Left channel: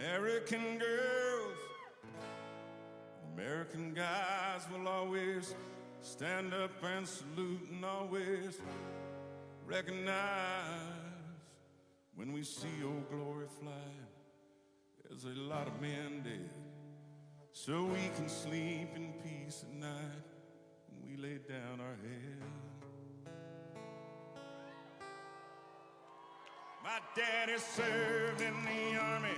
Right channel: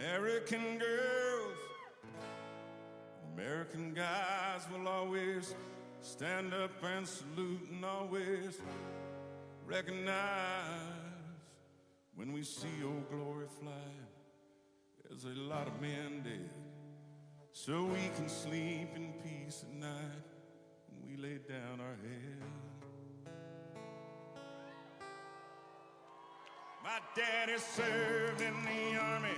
American girls, American guys will always stand up and salute and always recognize when we see old glory fly. There's a lot of men dead, so we can sleep in peace at night when we lay down our head. My daddy served in the army.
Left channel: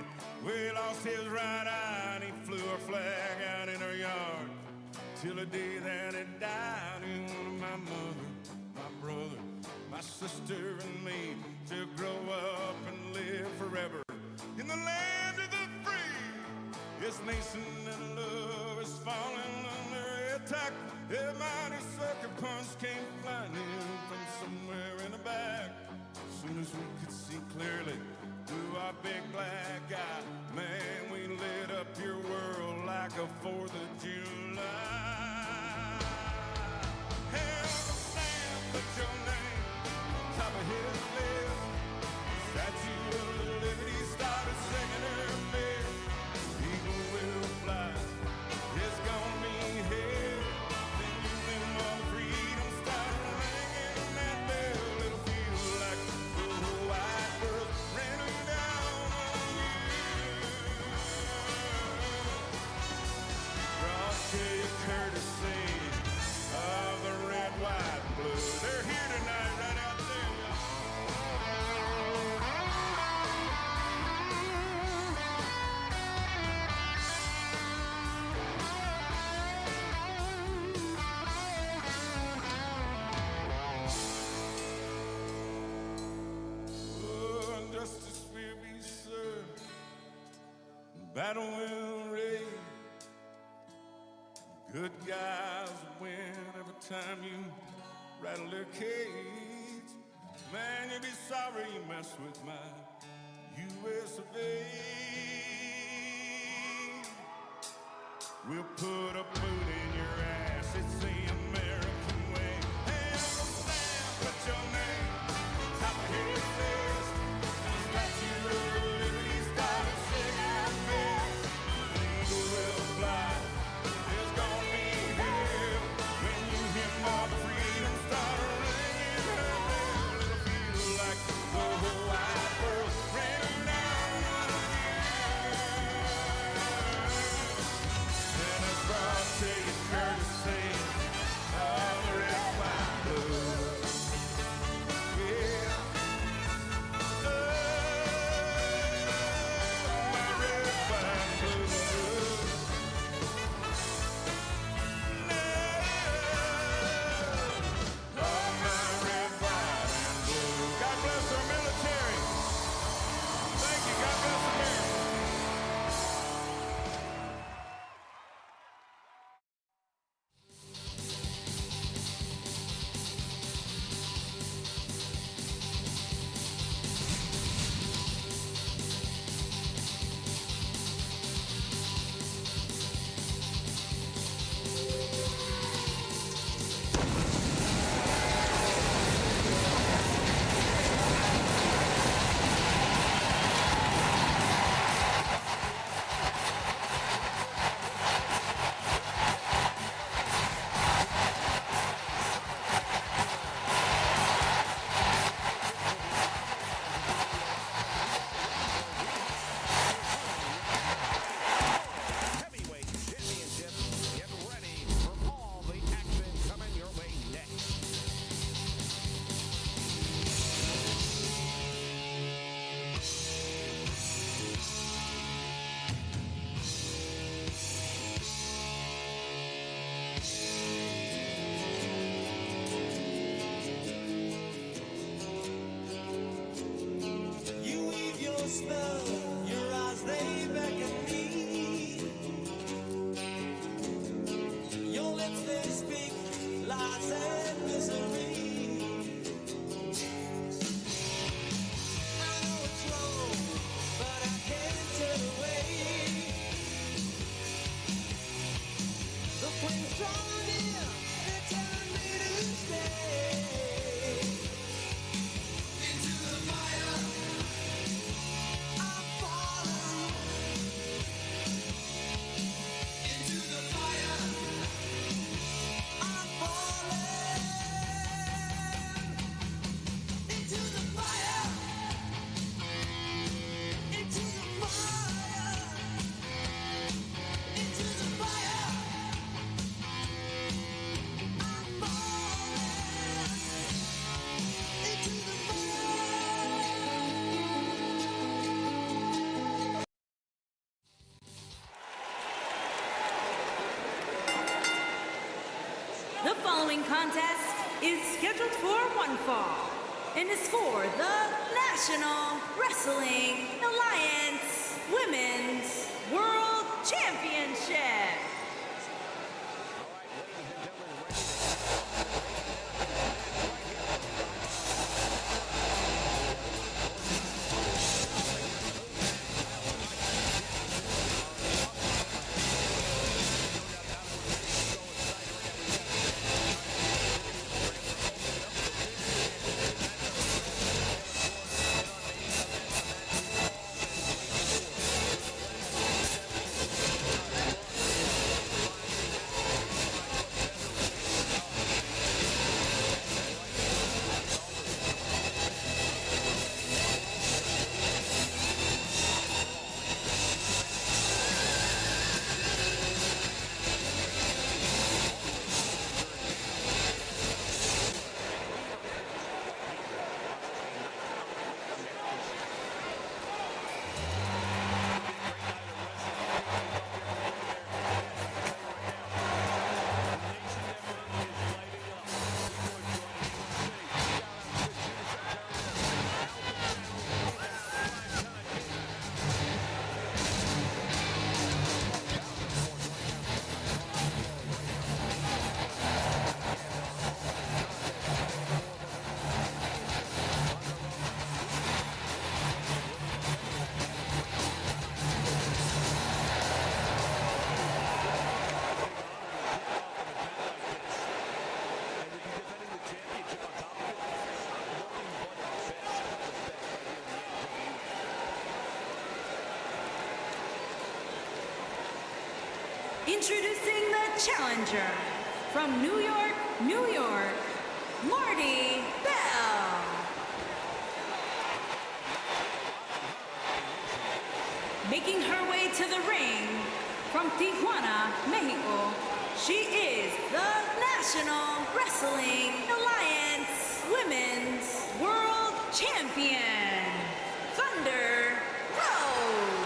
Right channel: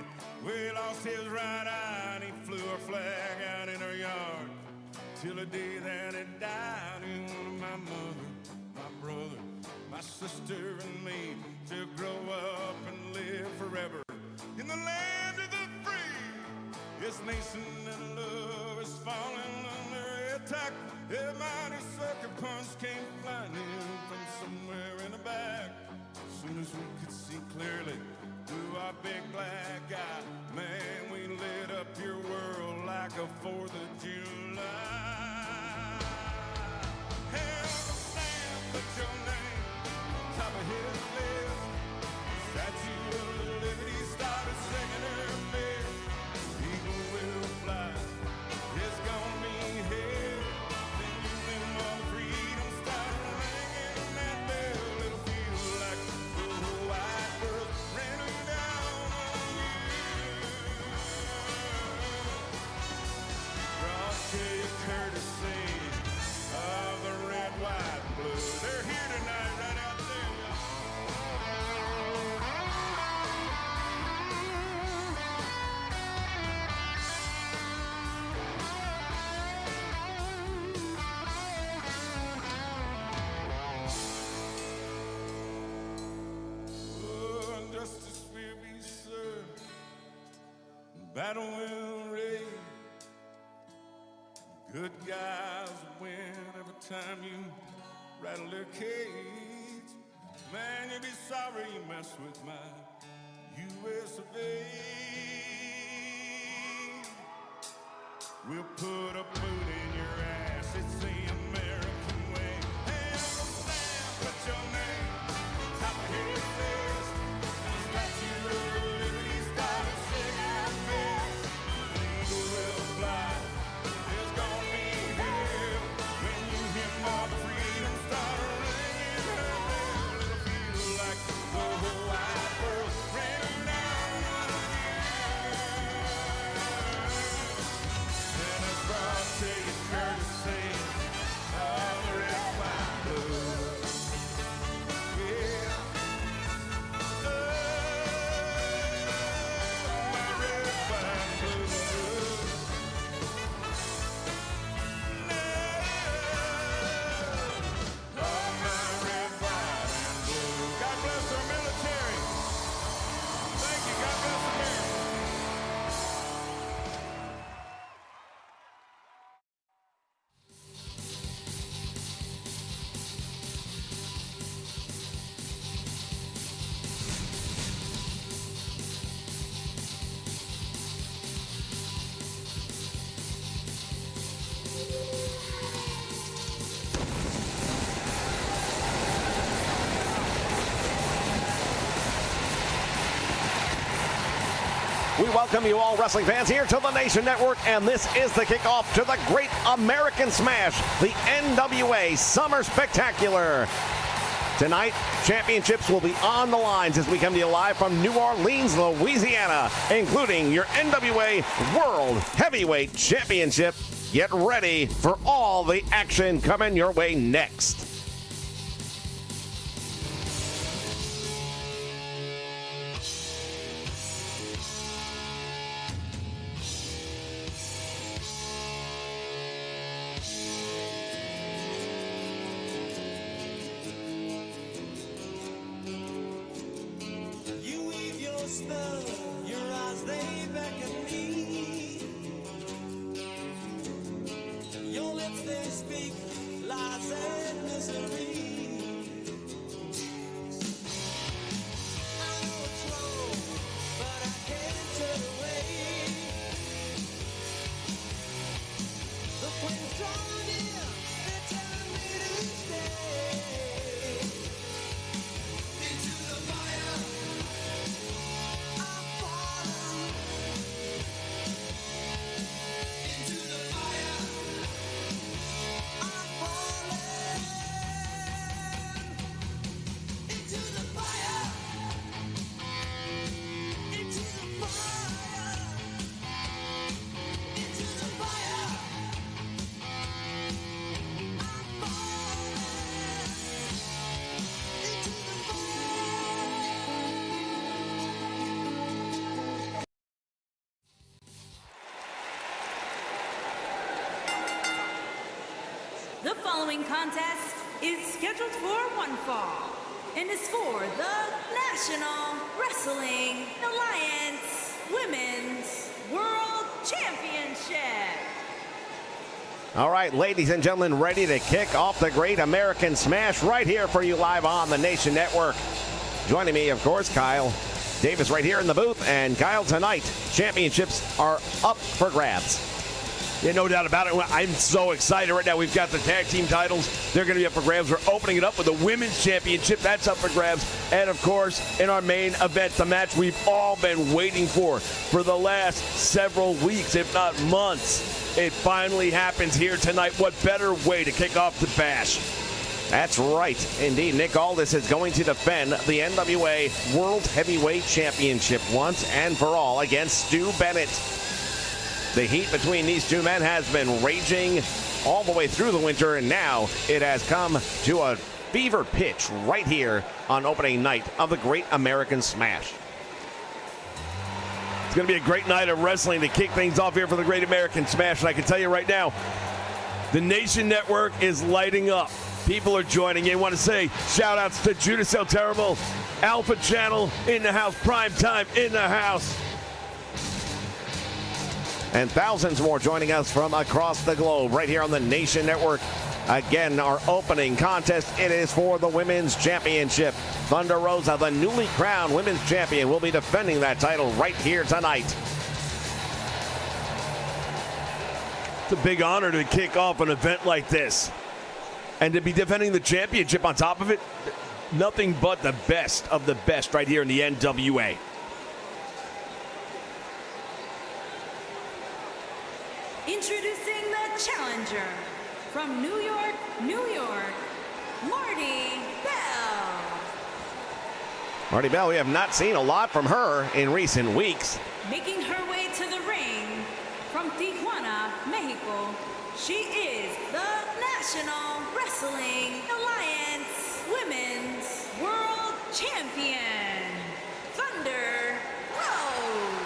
We lost his right eye and he flew our flag out in our yard till the day that he died. He wanted my mother, my brother, my sister and me to grow up and live forever in the land of the free. This nation of love is falling under attack. A mighty sucker punch came flying in from somewhere in the back. As soon as we could see clearly through our big black eye, man, we lit up your world like a 4th of July. Hell, stand, put your name on top of his list. Statue of Liberty started singing her miss. Eagle will fly, it's gonna be here. Singing them all freedom, start ringing that bell. It'll feel like the whole wide world raining down on you. Brought to you courtesy of the red, white, and blue. They're here tonight, right out there. Oh, and justice will be served, battle will rage. Good guys win every time you rattle their cage. Man, you'll be sorry you messed with my U.S. of A. We'll put a boot in your ass, it's the American way. Hey, Uncle Sam, put your name on top of his list. Statue of Liberty started singing her miss. Eagle will fly, it's gonna be here. When you hear all the freedom start ringing her bell, it'll feel like the whole wide world raining down on you. And it's brought to you courtesy of the red, white, and blue. Yeah. Oh, my red, white, and blue. No. Oh, my red, white, and blue. God bless our military. Thank you. God bless America. We welcome you all wrestling fans here to the Nation Network, and this is the kickoff to the Great American Smash, the NWA Summer Spectacular. Tonight, championships will be on the lines as we come to you live from New Orleans, Louisiana, including your NWA World Heavyweight Championship. Get ready for all the action coming your way next. You weave your spell, your eyes they beckon me. Your lips they speak lies and misery. following contest is scheduled for one fall and is for the National Wrestling Alliance Women's World Championship. All right, ladies and gentlemen, ready to kick off the Great American Smash right here for you live on the Nation Network. Joining me, of course, Kyle Davis right here in the booth. And Kyle, tonight, championships are up for grabs. Yeah, no doubt about it. I'm so excited right now. We've got the tag team titles. They're going to be up for grabs. We're opening it up with the women's championship. That's up for grabs. And, of course, in our main event, the match we've all been waiting for the last several weeks, if not months. It finally happens here tonight. What better way to kick off the bash? That's right. Indeed, Nick Aldis is going to defend the NWA World Heavyweight Championship once and for all against Stu Bennett. The heat between these two men has been raging all the way through the winter, and now it has come to a fever pitch right here on opening night of the Great American Smash. It's going to be a great night of wrestling to kick things off here for the Great American Smash. And I can tell you right now, the Nation Network is lighting up. People are joining in. I want to say shout outs to Judas El Terrible, Alpha Channel in the house, Prime Time in the house. And thousands more joining us from across the globe right here on the Nation Network. Again, our opening contest, it is for the Women's Championship. Thunder Rosa, the newly crowned Women's Champion, will be defending that title right here tonight. It's a big honor to kick off an event like this. And to be defending the championship on top of it, nothing but the best of the best right here in the NWA. Introducing the challenger from New York, New York, Marty Bell. Marty Bell, we have not seen a lot from her in recent weeks. Making her way to the ring from Tijuana, Mexico, she is the National Wrestling Alliance Women's World Champion, Thunder Rose.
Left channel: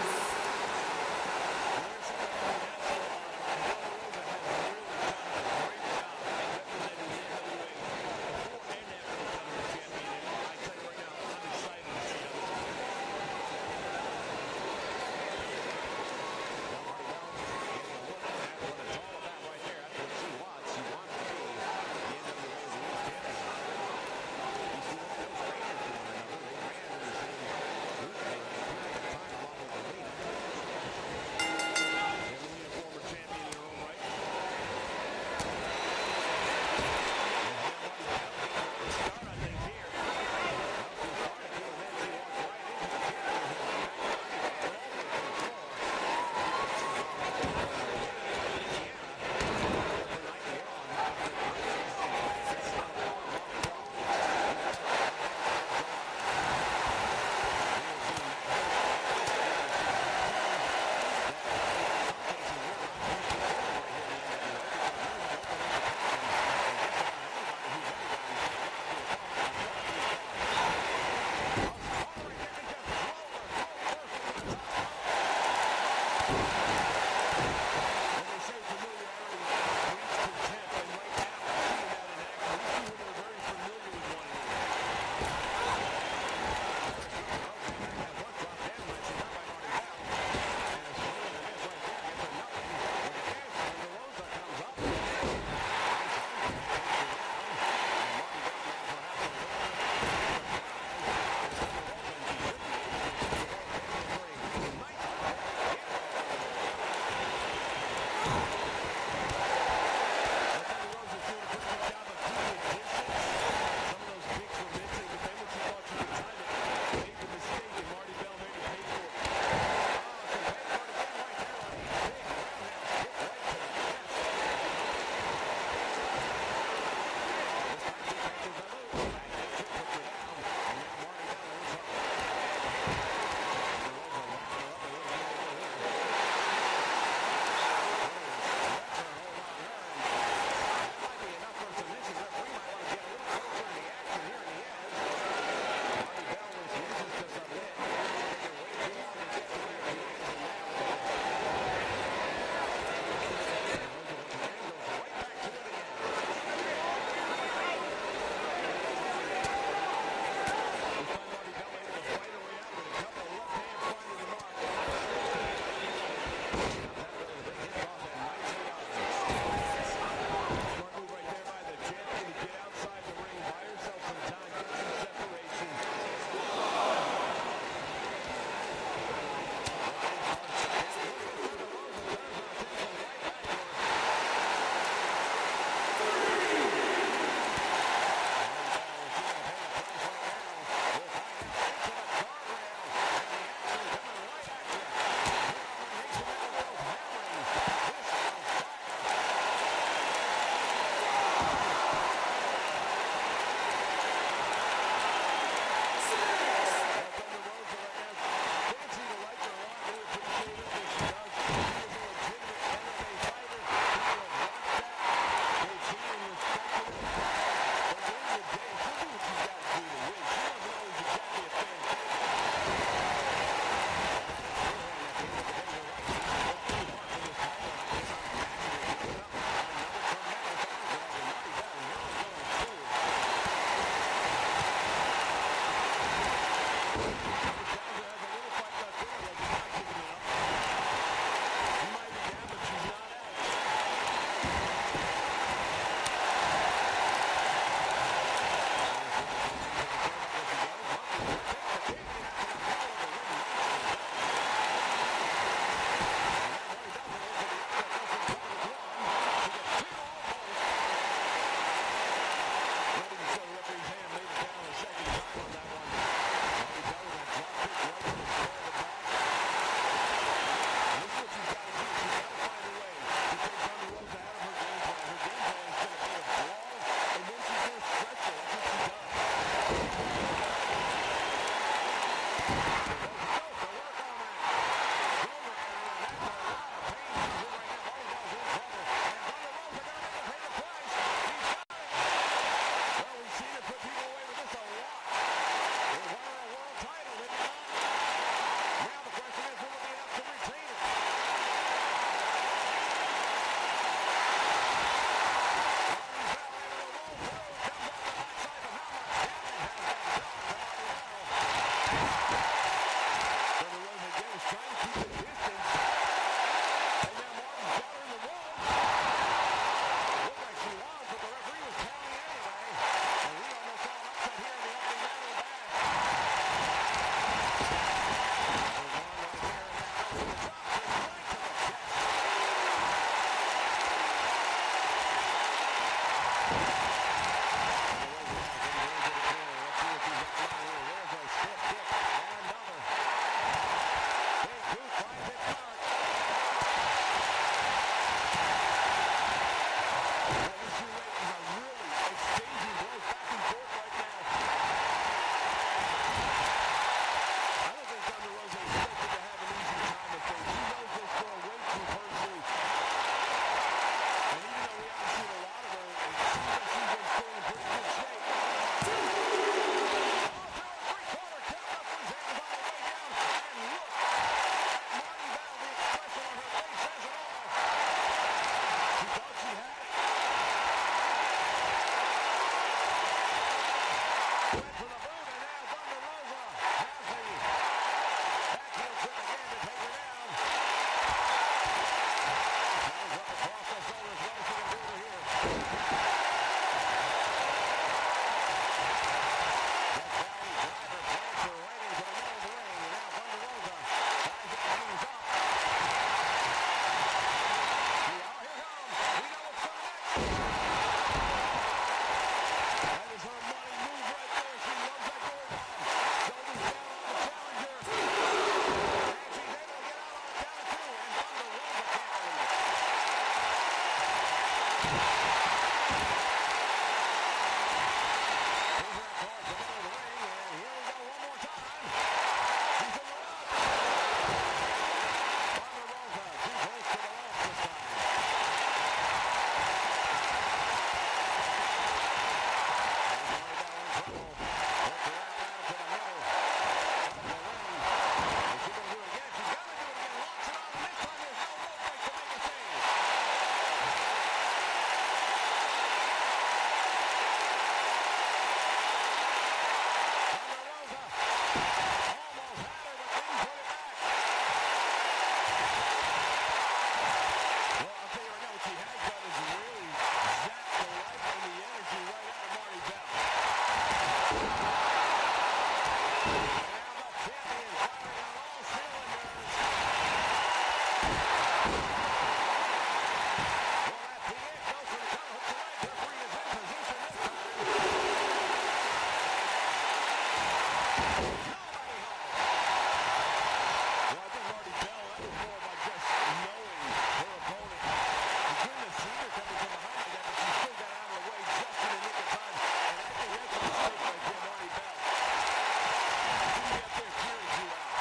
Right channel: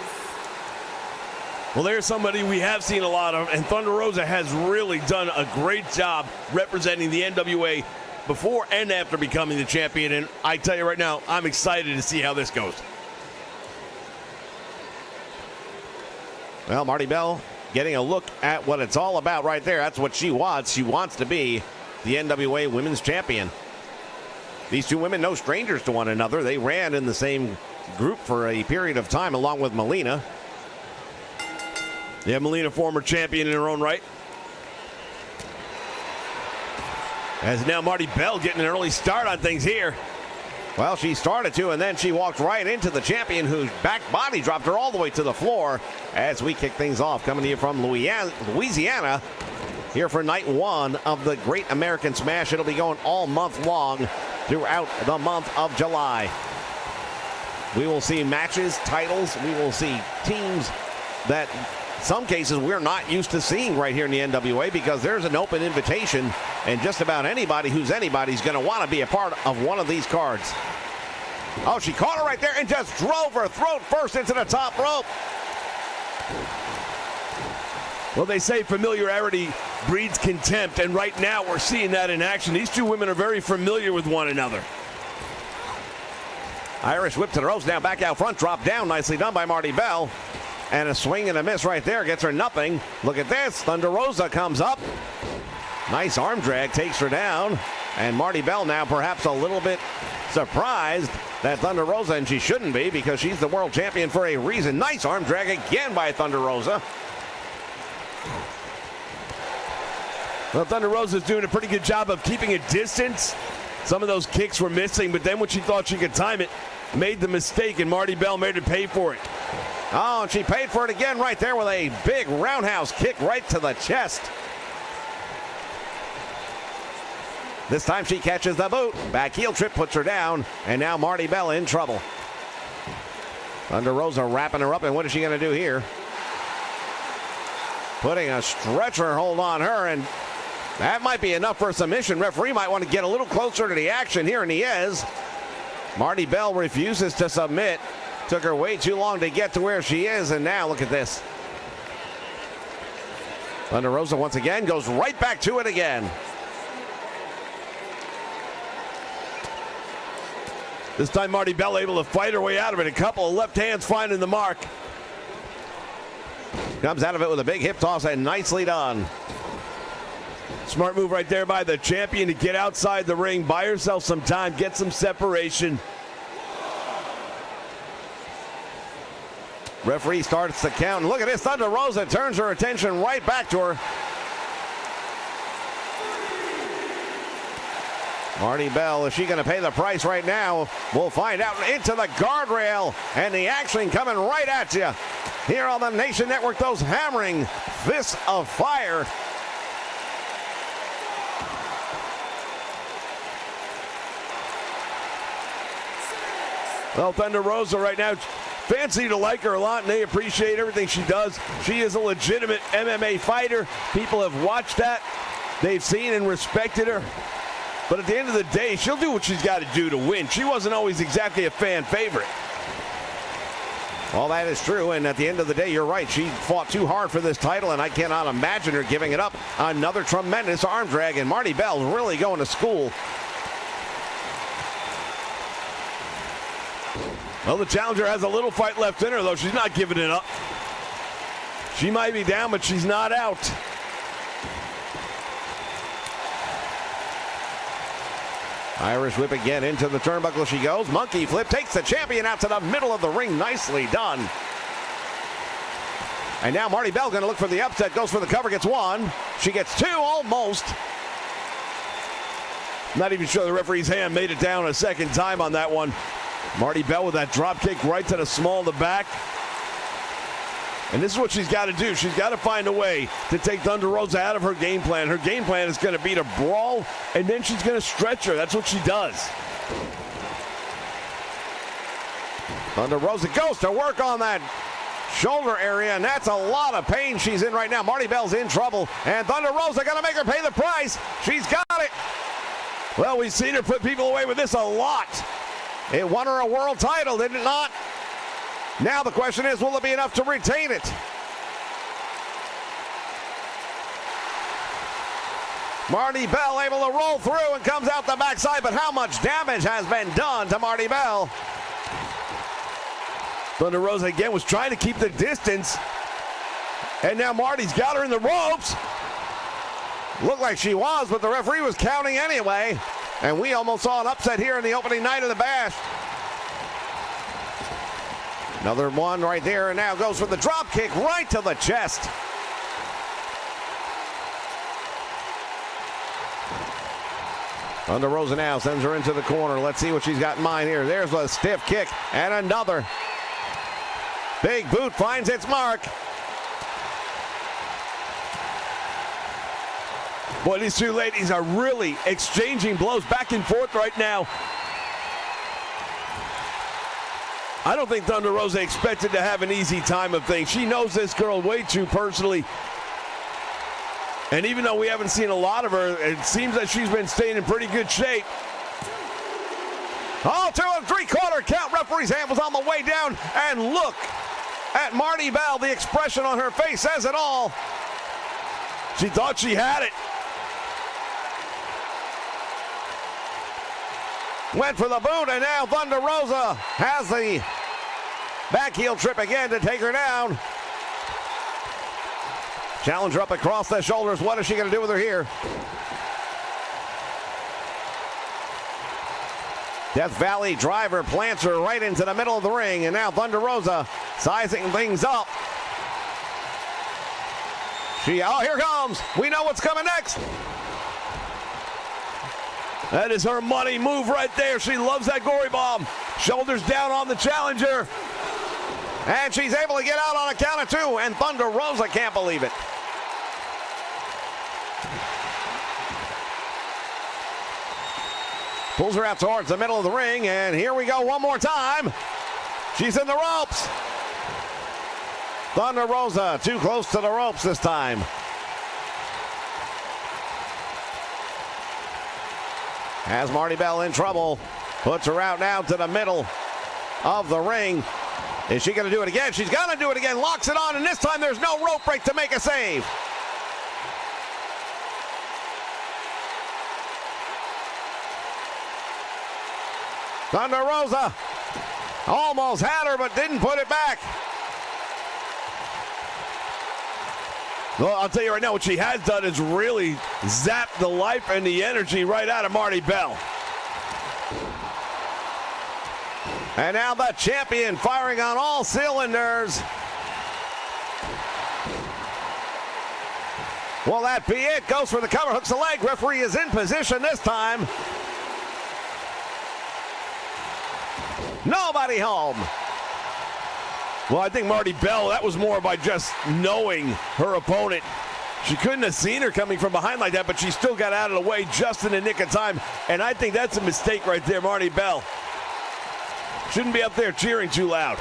Well, there's somebody we have seen a lot of, and Thunder Rosa has really done a great job representing the NWA before and after becoming the champion. And I tell you right now, I'm excited to see how this goes. Well, Marty Bell getting a look at what it's all about right there. That's what she wants. She wants to be the NWA Women's Champion. These two women, no strangers to one another. They ran in the same group for a period of time along with Melina. Yeah, Melina, former champion in her own right. As now Marty Bell getting an early start on things here. Well, she started to, and then she walked right into the champion, whose back body dropped her all the way to the floor as we kick things off. Coming to you from Louisiana, here for night one of the Great American Smash. It'll be going all month long throughout the month of July. We will see matches, titles. We will see teams that some cases we're not used to seeing right here in the NWA, because there's an open invitation, and just about anybody who's anybody's going to want to be a part of one of these cards. Oh, she caught her right there and just drove her throat first into the top rope. Well, they say familiarity breeds contempt, and right now we're seeing that in action. These two women are very familiar with one another. Irish whip to the ropes, now back out front, drop down, nicely done by Marty Bell. And a swing and a miss right there gets her nothing. Look at this. Thunder Rosa comes up. Nice arm drag takes her down. And Marty Bell now perhaps a little bit surprised that Thunder Rosa, and she shouldn't be because she's the world champion for a reason. Nice arm drag again by Thunder Rosa. Well, Thunder Rosa's doing a pretty good job of keeping a distance. Some of those kicks were missing, but then when she thought she could time it, made the mistake, and Marty Bell made her pay for it. Oh, and she paid for it again right there with a big roundhouse kick right to the chest. This time she catches the boot. Back heel trip puts her down, and now Marty Bell in trouble. Thunder Rosa wrapping her up, and what is she going to do here? Putting a stretcher hold on her, and that might be enough for a submission. Referee might want to get a little closer to the action here, and he is. Marty Bell refuses to submit. Took her way too long to get to where she is, and now look at this. Thunder Rosa once again goes right back to it again. This time Marty Bell able to fight her way out of it. A couple of left hands finding the mark. Comes out of it with a big hip toss and nicely done. Smart move right there by the champion to get outside the ring, buy herself some time, get some separation. Referee starts the count. Look at this. Thunder Rosa turns her attention right back to her. Marty Bell, is she going to pay the price right now? We'll find out. Into the guardrail, and the action coming right at you. Here on the Nation Network, those hammering fists of fire. Well, Thunder Rosa right now, fans seem to like her a lot, and they appreciate everything she does. She is a legitimate MMA fighter. People have watched that. They've seen and respected her. But at the end of the day, she'll do what she's got to do to win. She wasn't always exactly a fan favorite. All that is true, and at the end of the day, you're right. She fought too hard for this title, and I cannot imagine her giving it up. Another tremendous arm drag, and Marty Bell's really going to school. Well, the challenger has a little fight left in her, though. She's not giving it up. She might be down, but she's not out. Irish whip again into the turnbuckle she goes. Monkey flip takes the champion out to the middle of the ring. Nicely done. And now Marty Bell going to look for the upset. Goes for the cover, gets one. She gets two, almost. Not even sure the referee's hand made it down a second time on that one. Marty Bell with that drop kick right to the small of the back. And this is what she's got to do. She's got to find a way to take Thunder Rosa out of her game plan. Her game plan is going to be to brawl, and then she's going to stretch her. That's what she does. Thunder Rosa goes to work on that shoulder area, and that's a lot of pain she's in right now. Marty Bell's in trouble, and Thunder Rosa going to make her pay the price. She's got it. Well, we've seen her put people away with this a lot. It won her a world title, did it not? Now the question is, will it be enough to retain it? Marty Bell able to roll through and comes out the backside, but how much damage has been done to Marty Bell? Thunder Rosa again was trying to keep the distance, and now Marty's got her in the ropes. Looked like she was, but the referee was counting anyway, and we almost saw an upset here in the opening night of the Bash. Another one right there, and now goes for the drop kick right to the chest. Thunder Rosa now sends her into the corner. Let's see what she's got in mind here. There's a stiff kick and another. Big boot finds its mark. Boy, these two ladies are really exchanging blows back and forth right now. I don't think Thunder Rosa expected to have an easy time of things. She knows this girl way too personally. And even though we haven't seen a lot of her, it seems that she's been staying in pretty good shape. Oh, 2 3/4 count. Referee's hand was on the way down. And look at Marty Bell. The expression on her face says it all. She thought she had it. Went for the boot, and now Thunder Rosa has the back heel trip again to take her down. Challenger up across the shoulders. What is she going to do with her here? Death Valley driver plants her right into the middle of the ring, and now Thunder Rosa sizing things up. Oh, here comes. We know what's coming next. That is her money move right there. She loves that gory bomb. Shoulders down on the challenger. And she's able to get out on a count of 2, and Thunder Rosa can't believe it. Pulls her out towards the middle of the ring, and here we go one more time. She's in the ropes. Thunder Rosa too close to the ropes this time. Has Marty Bell in trouble. Puts her out now to the middle of the ring. Is she going to do it again? She's going to do it again. Locks it on, and this time there's no rope break to make a save. Thunder Rosa almost had her, but didn't put it back. Well, I'll tell you right now, what she has done is really zapped the life and the energy right out of Marty Bell. And now the champion firing on all cylinders. Will that be it? Goes for the cover, hooks the leg. Referee is in position this time. Nobody home. Well, I think Marty Bell, that was more by just knowing her opponent. She couldn't have seen her coming from behind like that, but she still got out of the way just in the nick of time. And I think that's a mistake right there, Marty Bell. Shouldn't be up there cheering too loud.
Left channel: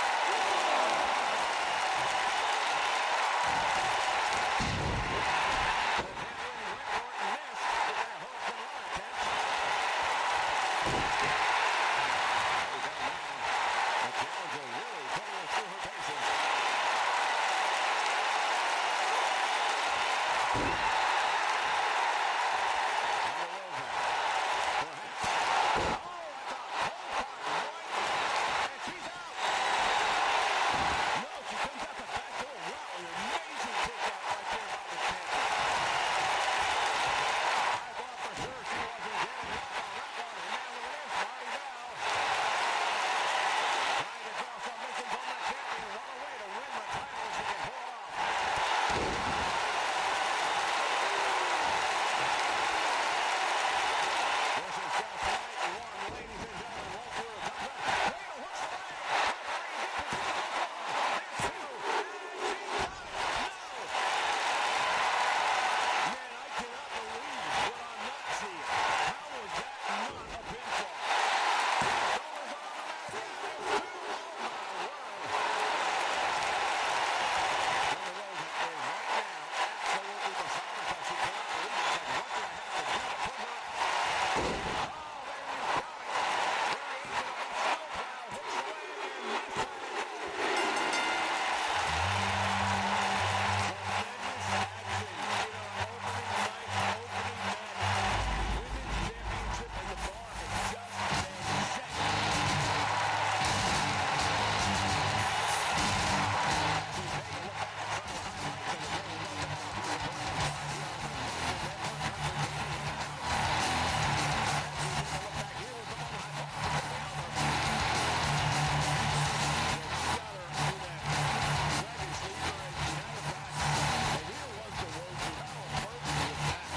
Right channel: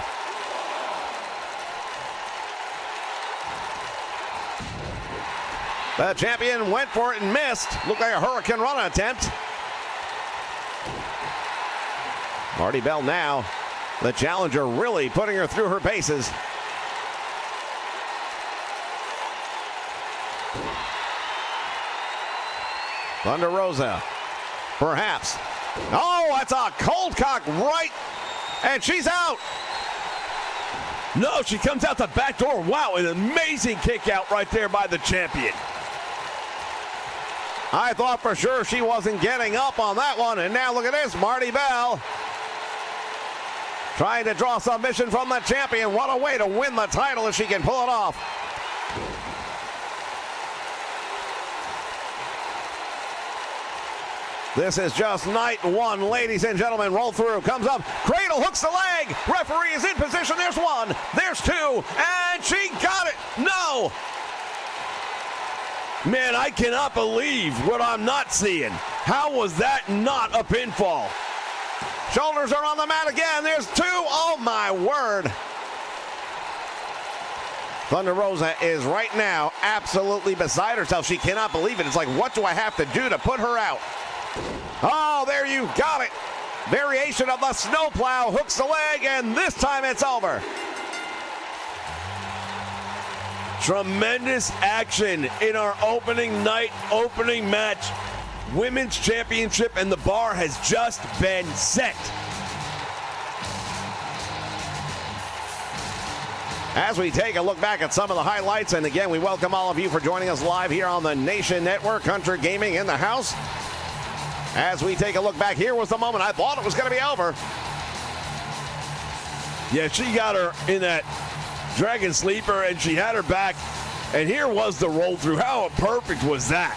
The champion went for it and missed. Looked like a Hurricane Run attempt. Marty Bell now, the challenger, really putting her through her paces. Thunder Rosa, perhaps. Oh, that's a cold cock right, and she's out. No, she comes out the back door. Wow, an amazing kick out right there by the champion. I thought for sure she wasn't getting up on that one, and now look at this, Marty Bell trying to draw submission from the champion. What a way to win the title if she can pull it off. This is just night one, ladies and gentlemen. Roll through, comes up, cradle, hooks the leg. Referee is in position. There's one, there's two, and she got it. No. Man, I cannot believe what I'm not seeing. How was that not a pinfall? Shoulders are on the mat again. There's two. Oh, my word. Thunder Rosa is right now absolutely beside herself. She cannot believe it. It's like, what do I have to do to put her out? Oh, there you got it. Variation of the snowplow, hooks the leg, and this time it's over. Tremendous action in our opening night, opening match. Women's Championship, and the bar has just been set. As we take a look back at some of the highlights, and again, we welcome all of you for joining us live here on the Nation Network. Country Gaming in the house. As we take a look back, here was the moment I thought it was going to be over. Yeah, she got her in that Dragon Sleeper, and she had her back. And here was the roll through. How perfect was that?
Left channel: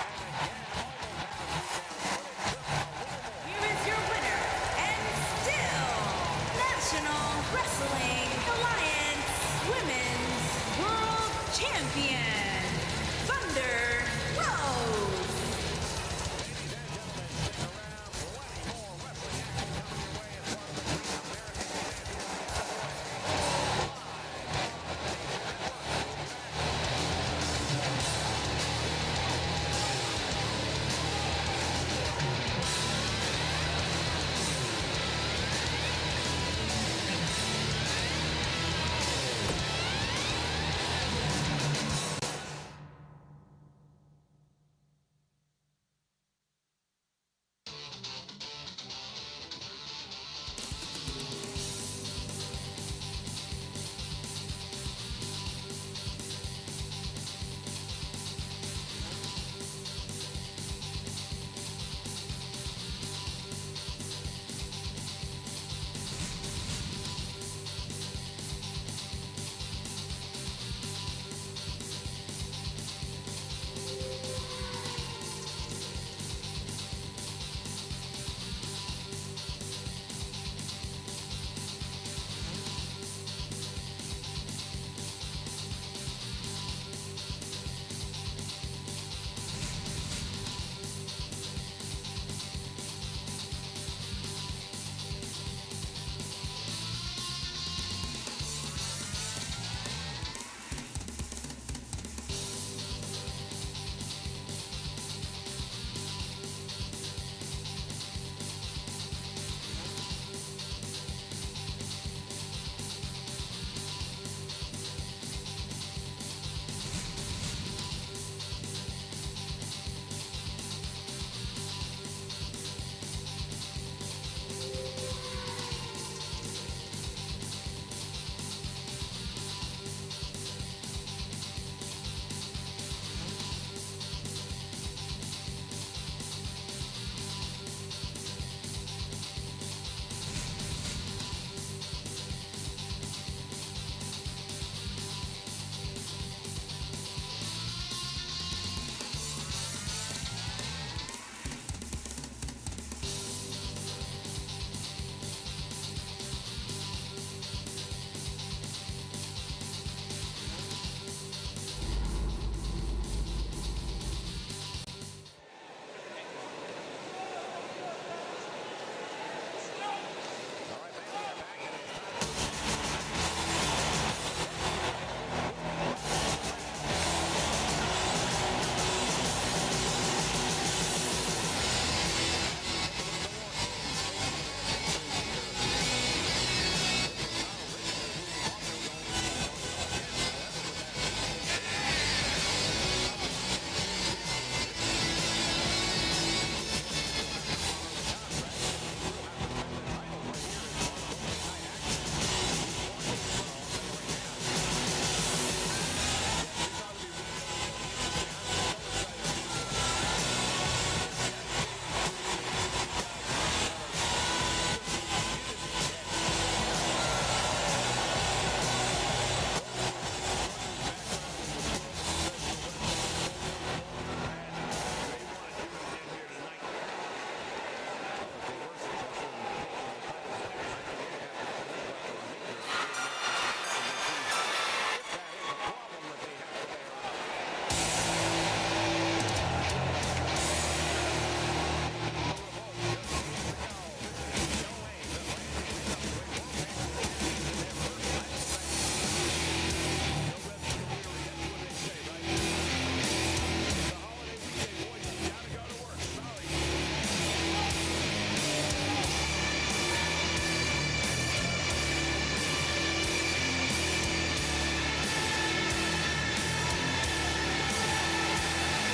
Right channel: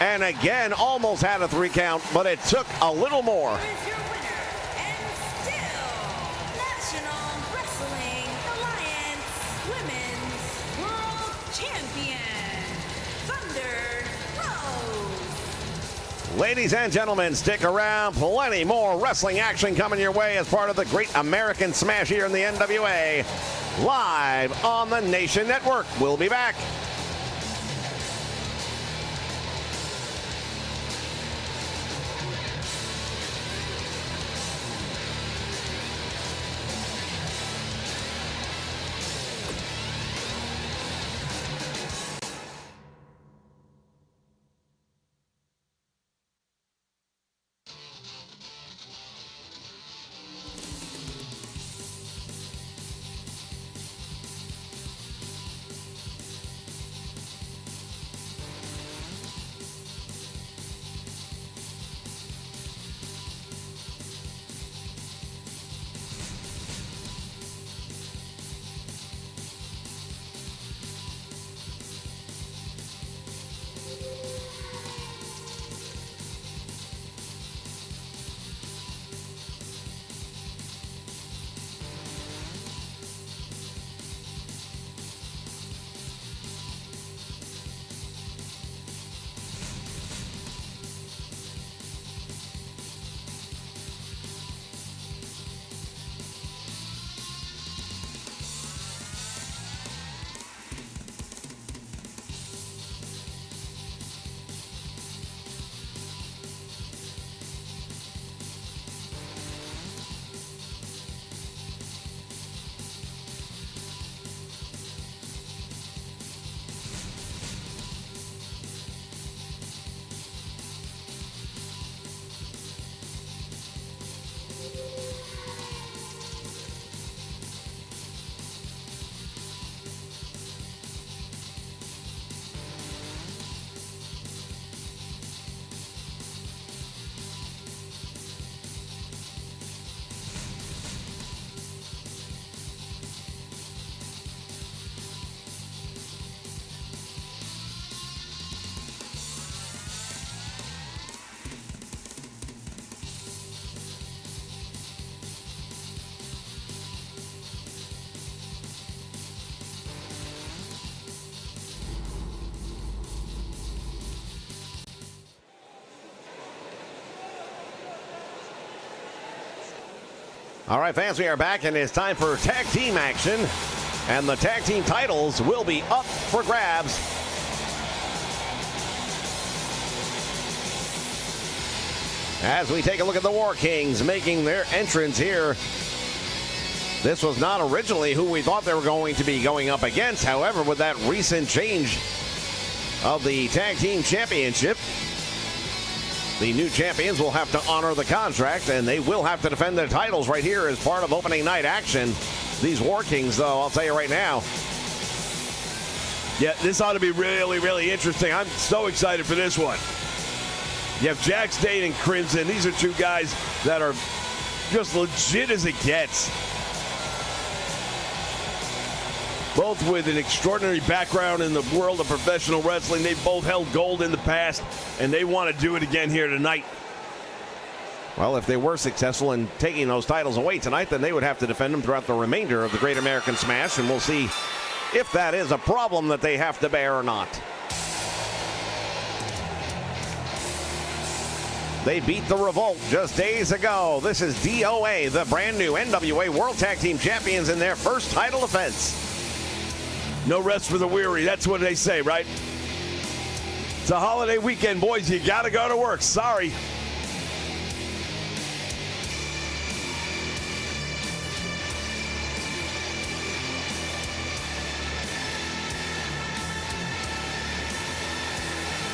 And again, almost had a 3 count, but it took a little more. Here is your winner, and still National Wrestling Alliance Women's World Champion, Thunder Rose. Ladies and gentlemen, stick around. Plenty more wrestling action coming your way as part of the Great American Smash here in the NWA. Live on the Nation Network. We'll be back. All right, fans, we are back, and it's time for tag team action. And the tag team titles will be up for grabs. As we take a look at the War Kings making their entrance here. This was not originally who we thought they were going to be going up against. However, with that recent change of the tag team championship, the new champions will have to honor the contract, and they will have to defend their titles right here as part of opening night action. These War Kings, though, I'll tell you right now. Yeah, this ought to be really, really interesting. I'm so excited for this one. You have Jack Dane and Crimson. These are two guys that are just legit as it gets. Both with an extraordinary background in the world of professional wrestling. They both held gold in the past, and they want to do it again here tonight. Well, if they were successful in taking those titles away tonight, then they would have to defend them throughout the remainder of the Great American Smash, and we'll see if that is a problem that they have to bear or not. They beat the Revolt just days ago. This is DOA, the brand new NWA World Tag Team Champions, in their first title defense. No rest for the weary. That's what they say, right? It's a holiday weekend, boys. You got to go to work. Sorry.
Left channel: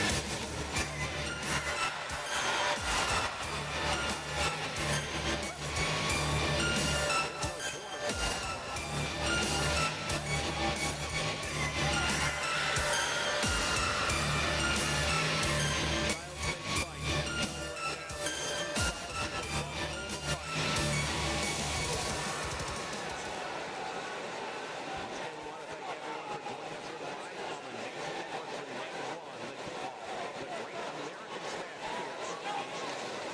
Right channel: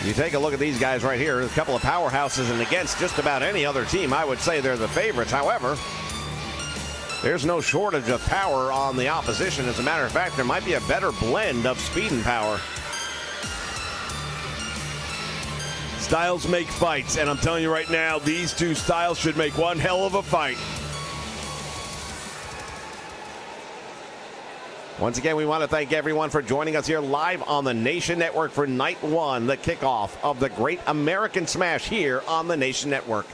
You take a look at these guys right here, a couple of powerhouses, and against just about any other team, I would say they're the favorites. However, there's no shortage of power on the opposition. As a matter of fact, there might be a better blend of speed and power. Styles make fights, and I'm telling you right now, these two styles should make one hell of a fight. Once again, we want to thank everyone for joining us here live on the Nation Network for Night 1, the kickoff of the Great American Smash here on the Nation Network.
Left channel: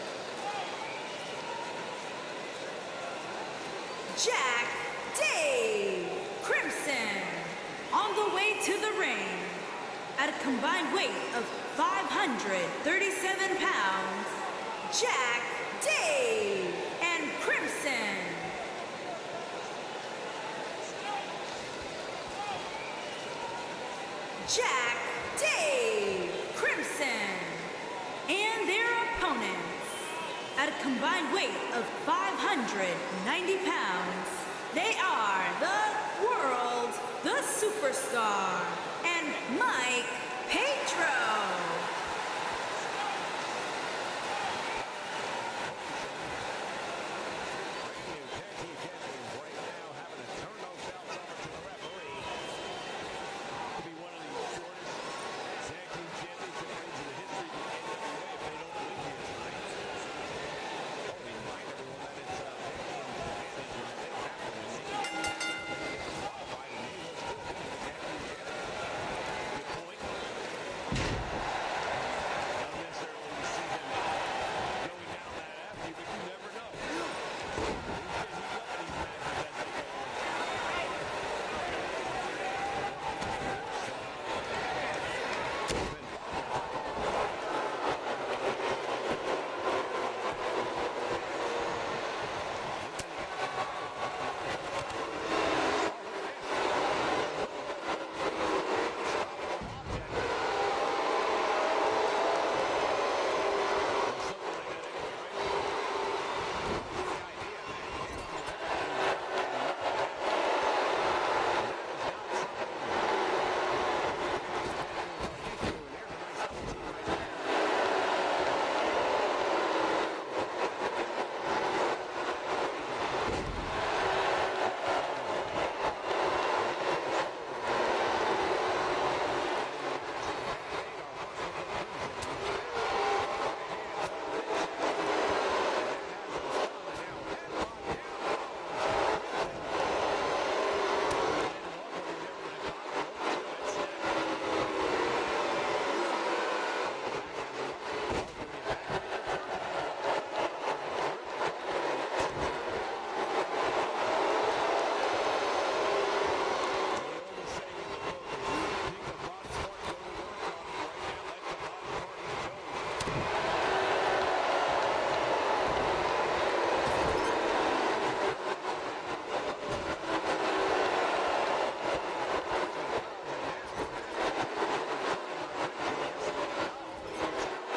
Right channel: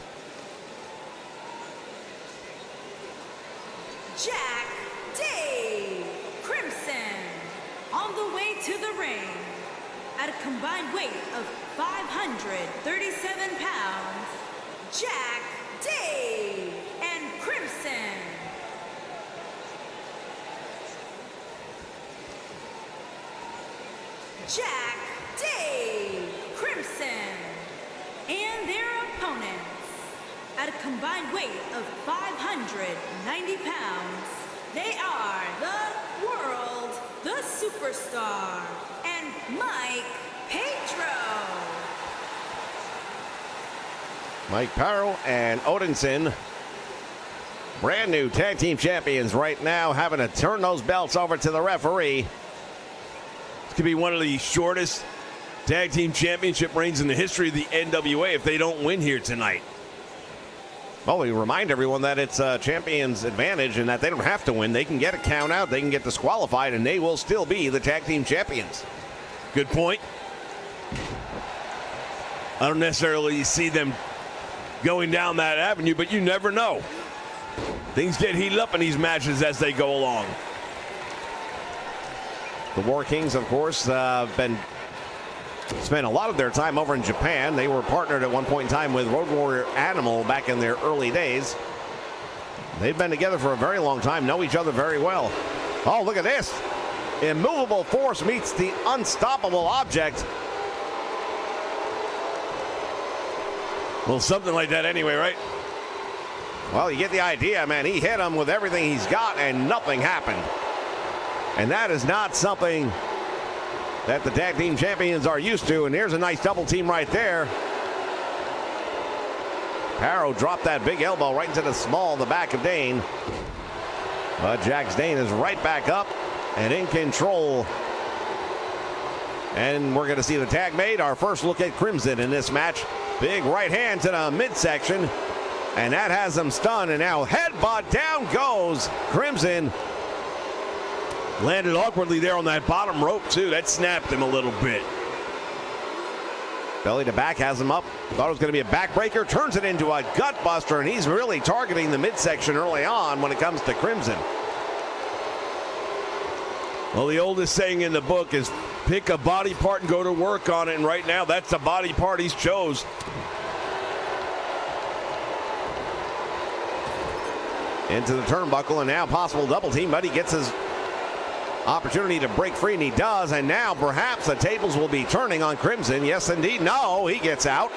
Jack Dave Crimson on the way to the ring at a combined weight of 537 pounds. Jack Dave and Crimson. Jack Dave Crimson and their opponents at a combined weight of 590 pounds. They are the World, the Superstar, and Mike Pedro. Mike Pedro and Odinson, brand new tag team champions right now, having to turn those belts over to the referee. This could be one of the shortest tag team championship reigns in the history of the NWA if they don't win here tonight. Well, we remind everyone that it's a champion's advantage and that they don't have to win. They can get a count out, they can get disqualified, and they will still be the tag team champions. Good point. I don't necessarily see them going down that avenue, but you never know. Things get heated up in these matches as they go along. The War Kings, of course, spent a lot of their time over in Japan. They were partnered at one point in time with Road Warrior Animal back in their early days. They've been together for a very long time, know each other very well. Oh, look at this. Immovable force meets the unstoppable object. Well, something like that anyway, right? Well, you get the idea, man. He hit him with everything he's got, and nothing happened. And that is not something that the tag team champions are used to. And here's a nice double team right there. Arrow dropped that big elbow right into the small of the back of Dane. But Jack Dane is right back up and in control. And we're going to see the tag made. Our first look at Crimson in this match. Big right hand to the midsection. And that has him stunned. And now headbutt, down goes Crimson. Landed awkwardly there on that bottom rope, too. That snapped him a little bit. Belly to back has him up. Thought it was going to be a backbreaker. Turns it into a gut buster, and he's really targeting the midsection early on when it comes to Crimson. Well, the oldest saying in the book is pick a body part and go to work on it. And right now, that's the body part he's chose. into the turnbuckle, and now possible double team, but he gets his opportunity to break free, and he does. And now perhaps the tables will be turning on Crimson. Yes, indeed. No, he gets out.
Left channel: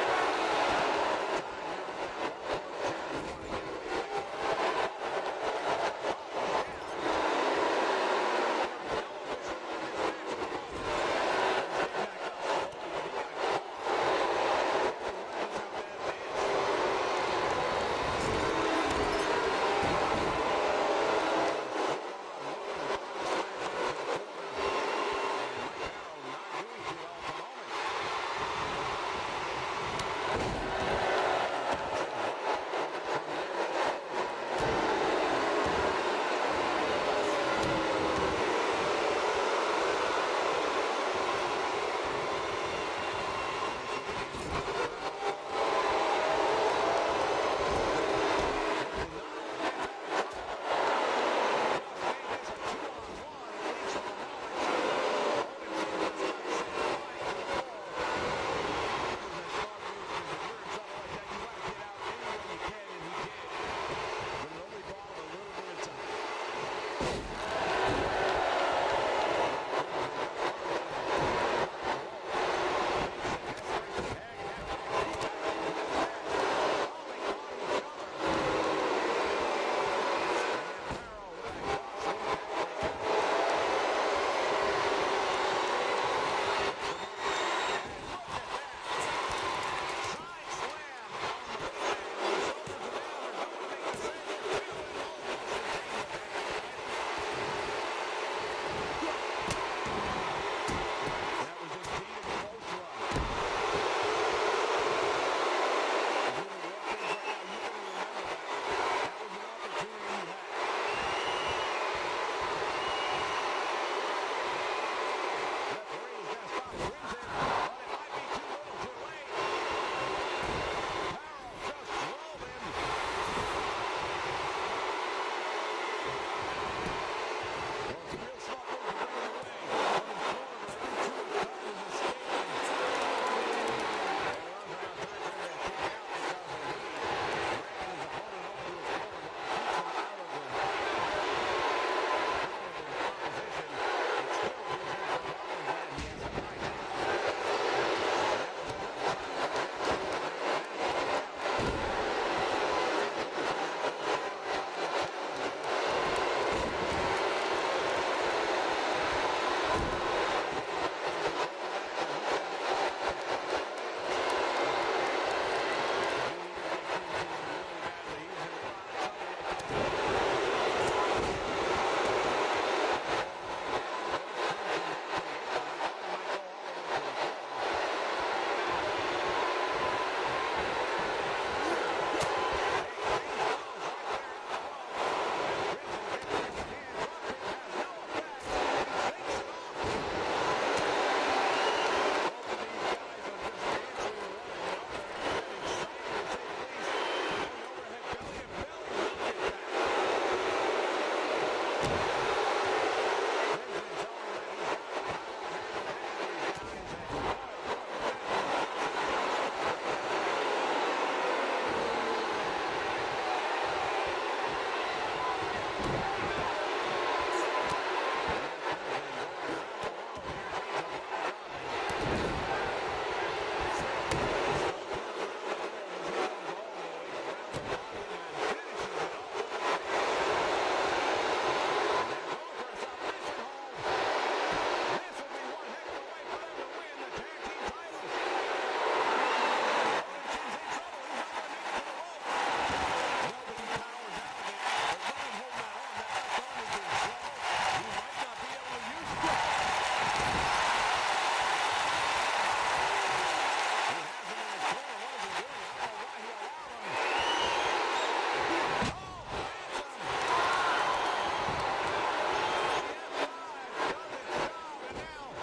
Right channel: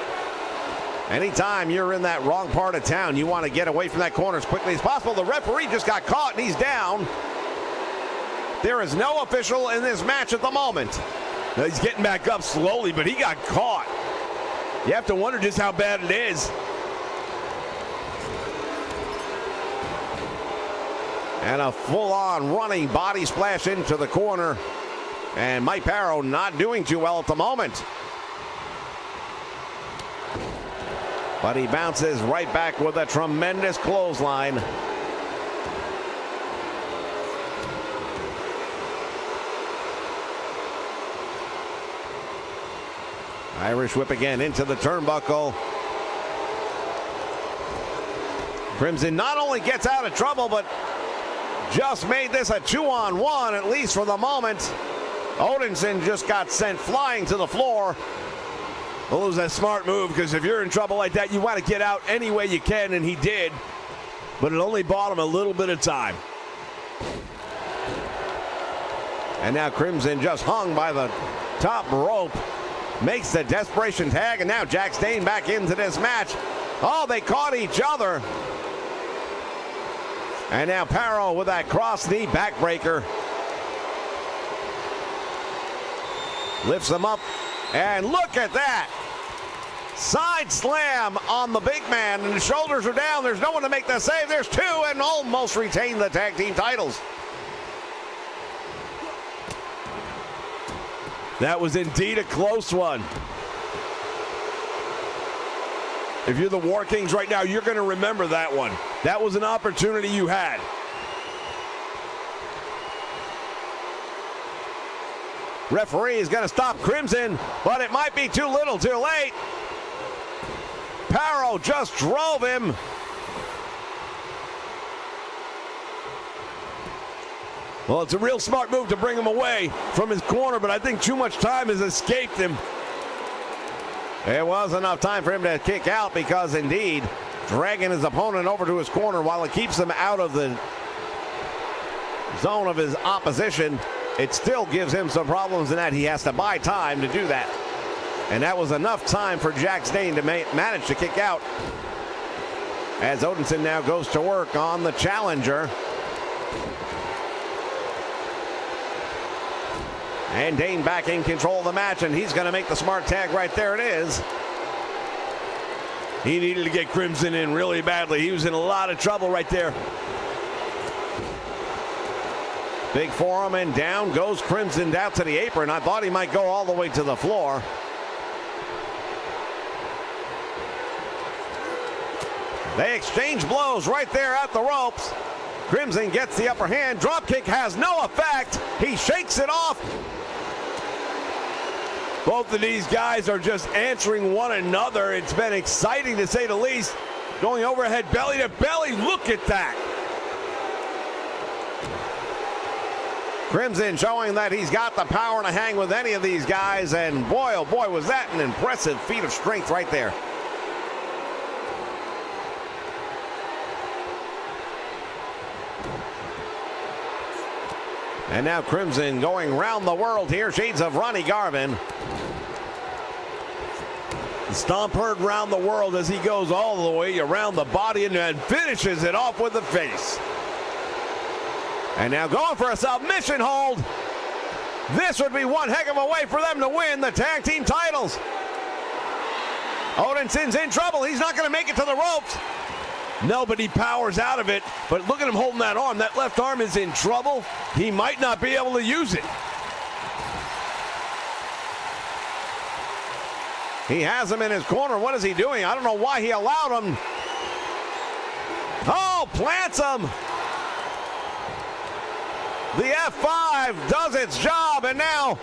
Anytime you're in that wrong part of town, you want to get away from that corner as quickly as possible. The referee just got caught, and he's down. There is no official in this match at the moment. He's getting back up slowly, but he got caught. You have to wonder just how bad it is. And a full-on running body splash into the corner. And Mike Parrow not doing too well at the moment. But he bounces right back with a tremendous clothesline. Irish whip again into the turnbuckle. Crimson not only gets out of trouble, but just made this a 2-on-1, at least for the moment. Odinson just got sent flying to the floor. Well, it was a smart move, because if you're in trouble like that, you want to get out any way you can, and he did. But it only bought him a little bit of time. And now Crimson just hung by the top rope. Makes the desperation tag, and now Jack Stane back into this match. Oh, they caught each other. And now Parrow with that cross knee backbreaker. Lifts him up, and look at that. Side slam on the big man, and the shoulders are down. There's no one to make the save. There's two, and almost retain the tag team titles. That was indeed a close one. If you're the War Kings right now, you're going to remember that one. That was an opportunity you had. Referee is going to stop Crimson, but it might be too little too late. Parrow just drove him. Well, it's a real smart move to bring him away from his corner, but I think too much time has escaped him. It was enough time for him to kick out, because indeed, dragging his opponent over to his corner while it keeps him out of the zone of his opposition, it still gives him some problems in that he has to buy time to do that. And that was enough time for Jack Stane to manage to kick out, as Odinson now goes to work on the challenger. And Dane back in control of the match, and he's going to make the smart tag right there. It is. He needed to get Crimson in really badly. He was in a lot of trouble right there. Big forearm, and down goes Crimson down to the apron. I thought he might go all the way to the floor. They exchange blows right there at the ropes. Crimson gets the upper hand. Dropkick has no effect. He shakes it off. Both of these guys are just answering one another. It's been exciting, to say the least. Going overhead, belly to belly. Look at that. Crimson showing that he's got the power to hang with any of these guys. And boy, oh boy, was that an impressive feat of strength right there. And now Crimson going round the world here. Shades of Ronnie Garvin. Stomp heard round the world as he goes all the way around the body and then finishes it off with the face. And now going for a submission hold. This would be one heck of a way for them to win the tag team titles. Odinson's in trouble. He's not going to make it to the ropes. No, but he powers out of it. But look at him holding that arm. That left arm is in trouble. He might not be able to use it. He has him in his corner. What is he doing? I don't know why he allowed him. Oh, plants him. The F5 does its job, and now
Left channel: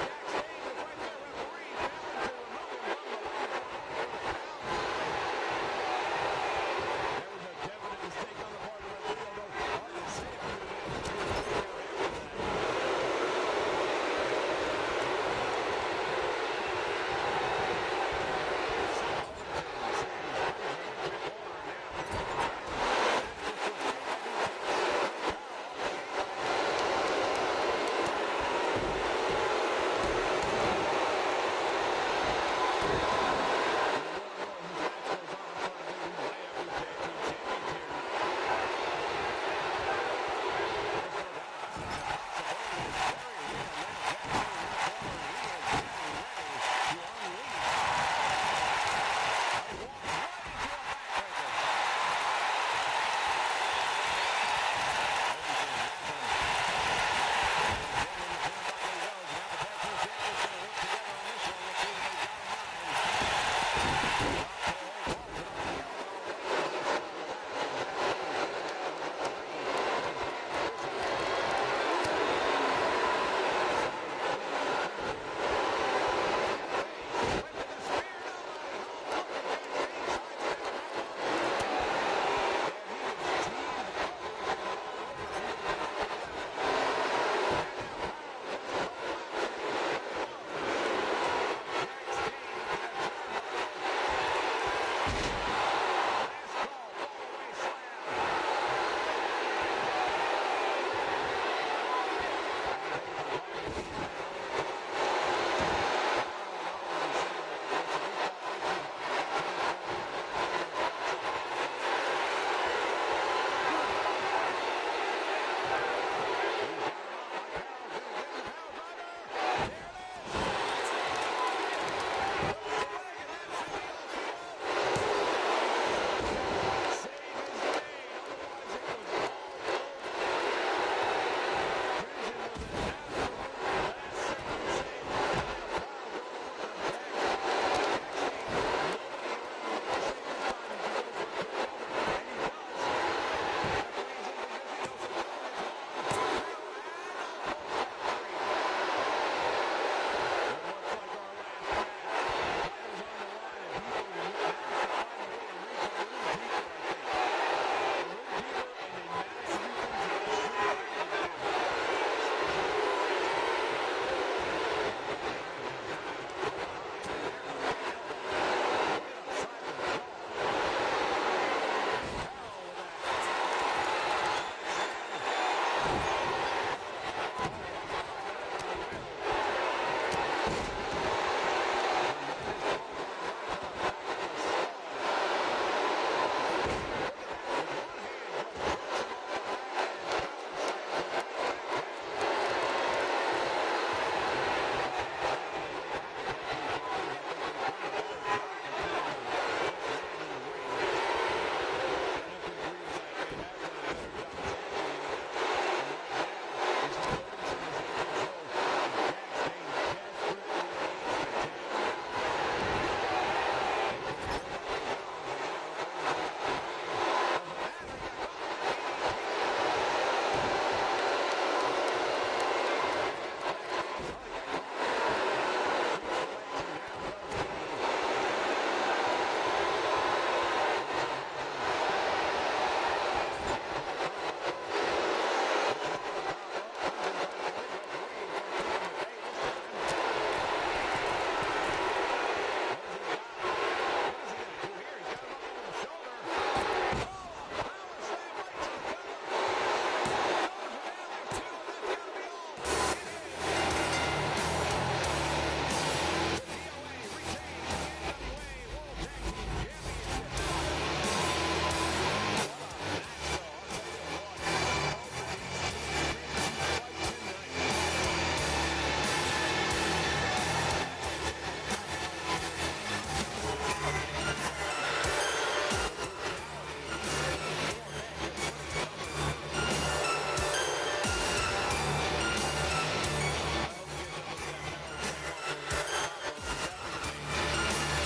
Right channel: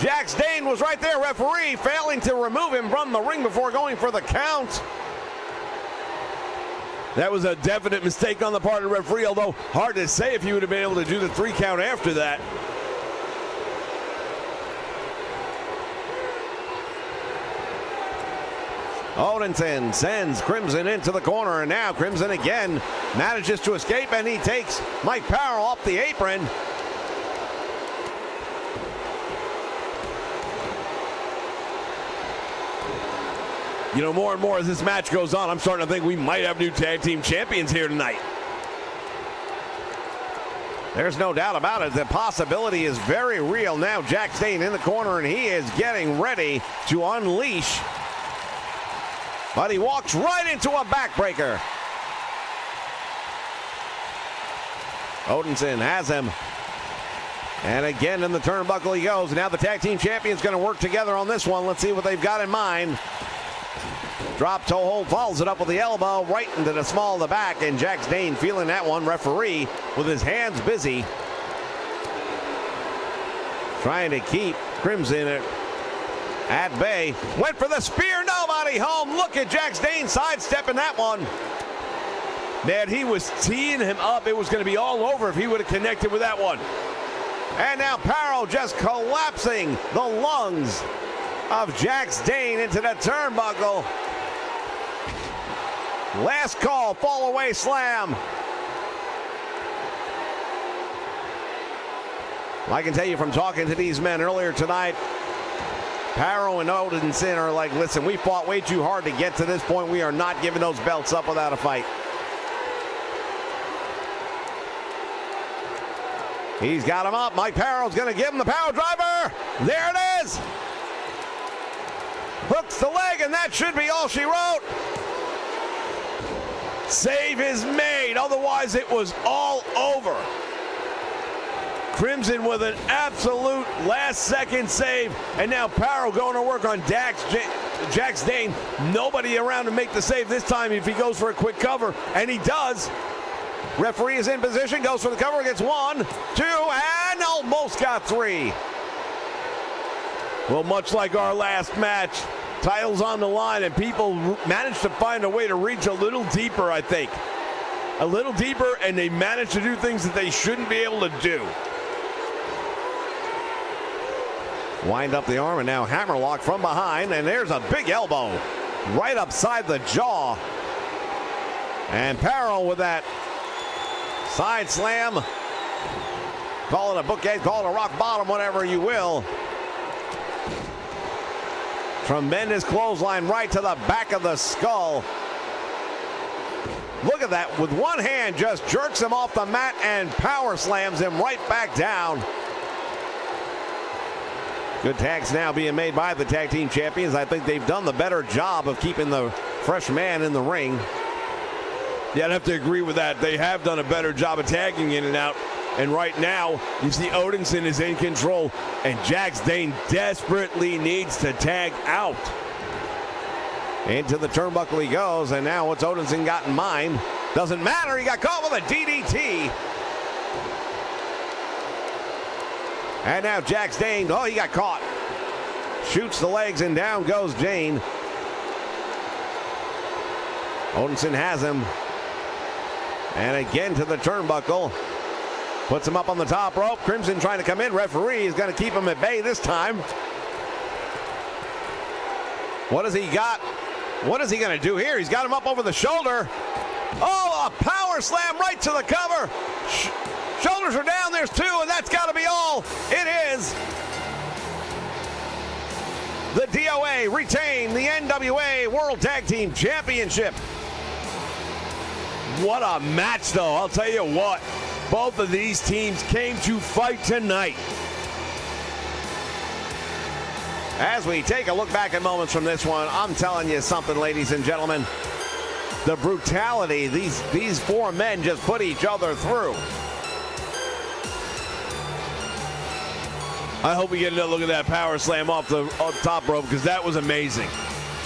Jack Stane was right there, referee, failing to remove him from the ring before going for the count. That was a definite mistake on the part of the referee, although hard to say if he would have been able to do the 3 count after that. Odinson sends Crimson into the corner, and now Crimson again manages to escape, and he takes Mike Powell off the apron. You know, more and more as this match goes on, I'm starting to think we might have new tag team champions here tonight. There's no doubt about it. The possibility is very real now. Jack Stane in the corner, and he is getting ready to unleash. But he walks right into a backbreaker. Odinson has him. And again in the turnbuckle he goes. Now the tag team champions going to work together on this one. Let's see what they've got in mind. Drop toe hold, follows it up with the elbow right into the small of the back, and Jack Stane feeling that one. Referee with his hands busy, trying to keep Crimson at bay. Went for the spear, nobody home. Look at Jack Stane sidestepping that one. Man, he was teeing him up. It was going to be all over if he would have connected with that one. And now Parrow just collapsing the lungs of Jack Stane into the turnbuckle. Last call, fall away slam. I can tell you from talking to these men earlier tonight, Parrow and Odinson are like, listen, we fought way too hard to get to this point. We are not giving those belts up without a fight. He's got him up. Mike Parrow's going to give him the power driver. There it is. Hooks the leg, and that should be all she wrote. Save is made, otherwise it was all over. Crimson with an absolute last-second save, and now Parrow going to work on Jack Stane. Nobody around to make the save this time if he goes for a quick cover, and he does. Referee is in position, goes for the cover, gets 1, 2, and almost got 3. Well, much like our last match, titles on the line, and people managed to find a way to reach a little deeper, I think. A little deeper, and they managed to do things that they shouldn't be able to do. Wind up the arm, and now hammerlock from behind, and there's a big elbow right upside the jaw. And Parrow with that side slam. Call it a bookend, call it a rock bottom, whatever you will. Tremendous clothesline right to the back of the skull. Look at that. With one hand, just jerks him off the mat and power slams him right back down. Good tags now being made by the tag team champions. I think they've done the better job of keeping the fresh man in the ring. Yeah, I'd have to agree with that. They have done a better job of tagging in and out. And right now, you see Odinson is in control, and Jack Stane desperately needs to tag out. Into the turnbuckle he goes, and now what's Odinson got in mind? Doesn't matter, he got caught with a DDT. And now Jack Stane, oh, he got caught. Shoots the legs, and down goes Jane. Odinson has him. And again to the turnbuckle. Puts him up on the top rope. Crimson trying to come in. Referee is going to keep him at bay this time. What has he got? What is he going to do here? He's got him up over the shoulder. Oh, a power slam right to the cover. Shoulders are down. There's 2, and that's got to be all. It is. The DOA retain the NWA World Tag Team Championship. What a match, though. I'll tell you what. Both of these teams came to fight tonight. As we take a look back at moments from this one, I'm telling you something, ladies and gentlemen. The brutality these 4 men just put each other through. I hope we get another look at that power slam off the top rope, because that was amazing.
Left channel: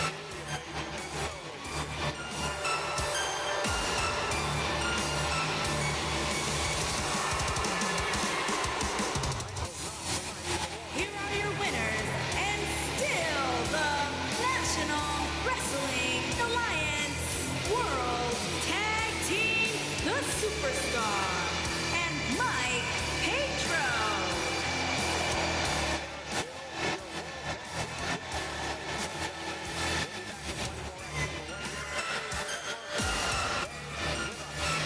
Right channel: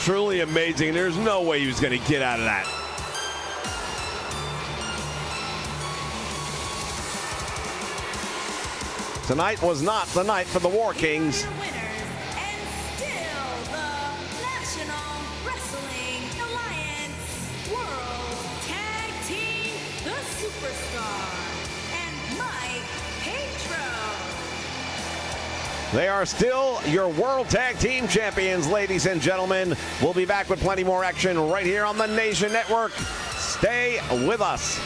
Truly amazing. There's no way he was going to get out of that. Tonight was not the night for the War Kings. Here are your winners, and still the National Wrestling Alliance World Tag Team, the Superstar, and Mike Petro. They are still your World Tag Team Champions, ladies and gentlemen. We'll be back with plenty more action right here on the Nation Network. Stay with us.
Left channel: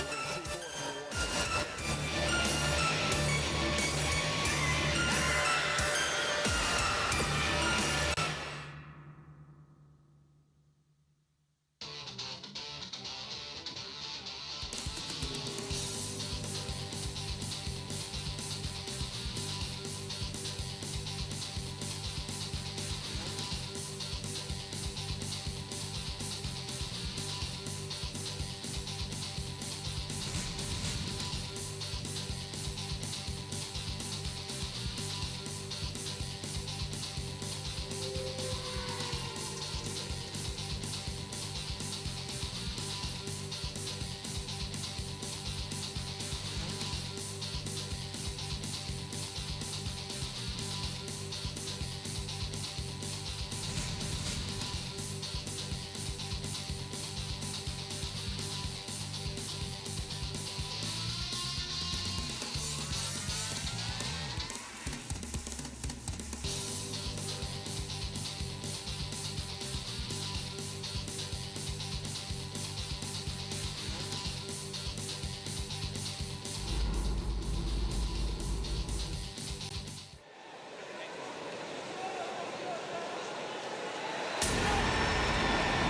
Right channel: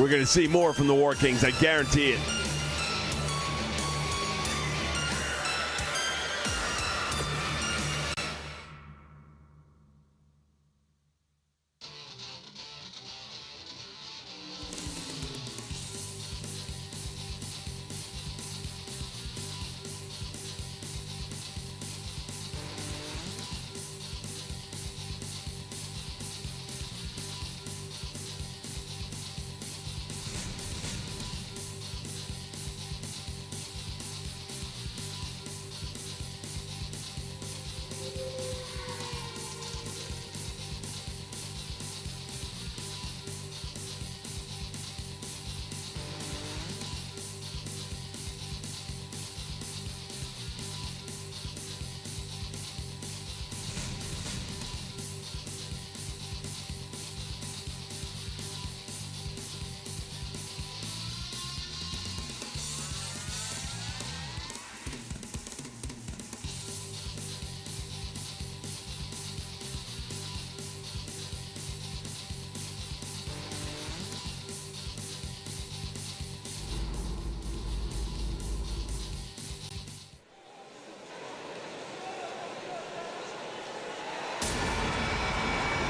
We're going to see more from the War Kings, I guarantee it.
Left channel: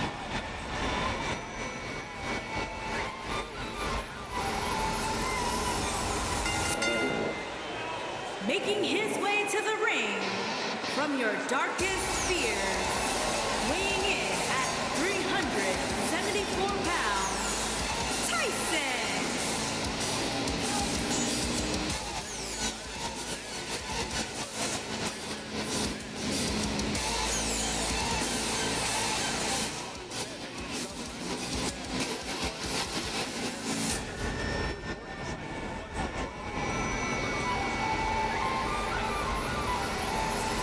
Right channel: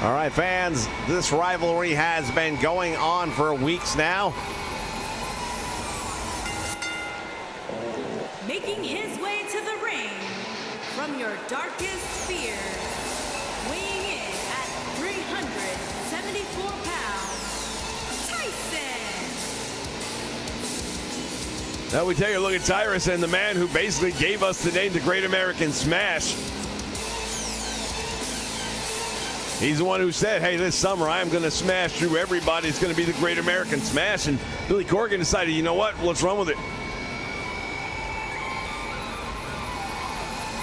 All right, fans, this rivalry has been going on for weeks now. Making his way to the ring from your darkest fears, weighing in at 374 pounds, Tyson. Now we take a look at Tyrus and the man who basically gave us the name the Great American Smash. He's the one who said, hey, this summer I am going to smash through everybody. It's going to be the Great American Smash. And Billy Corgan decided, you know what? Let's run with it.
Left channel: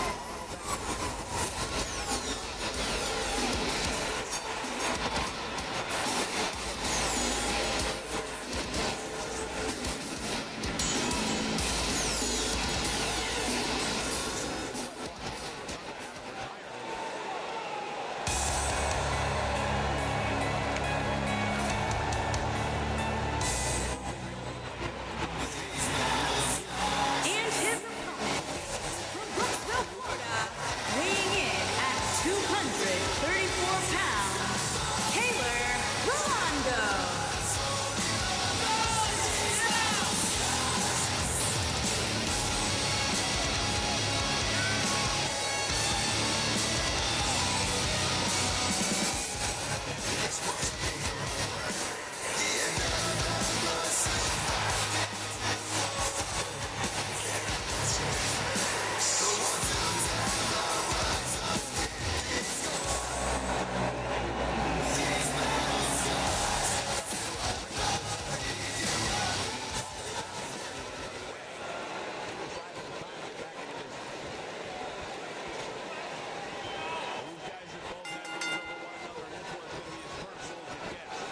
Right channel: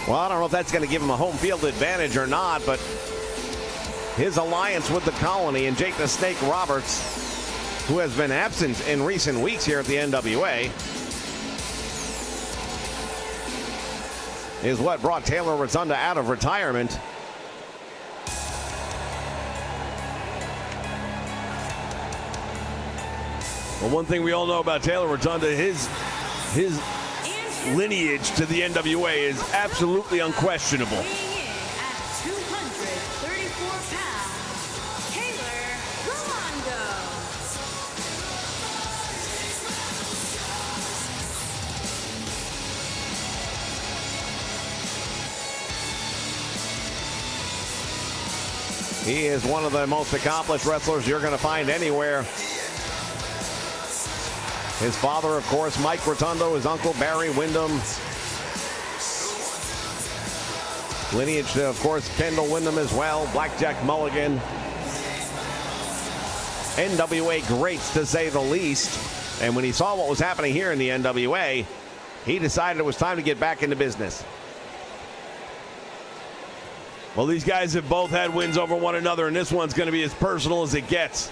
Well, I don't know if that's going to give him a home field advantage or not, but his alliance with the Colony and Jake the Snake Roberts, who has been absent in recent weeks here at the NWA, is what brought Taylor Rotunda out of retirement. Well, one thing we all know about Taylor Rotunda, his lineage to the NWA is absolutely unquestionable. Weighing in at 234 pounds, Taylor Rolando. He is one of the most accomplished wrestlers you're going to find anywhere. His father, of course, Mike Rotundo, his uncle, Barry Windham. Lineage, of course, Kendall Windham as well, Blackjack Mulligan. NWA greats, to say the least. And when he saw what was happening here in the NWA, he decided it was time to get back into business. Well, these guys have both had wins over one another, and this one's going to be as personal as it gets.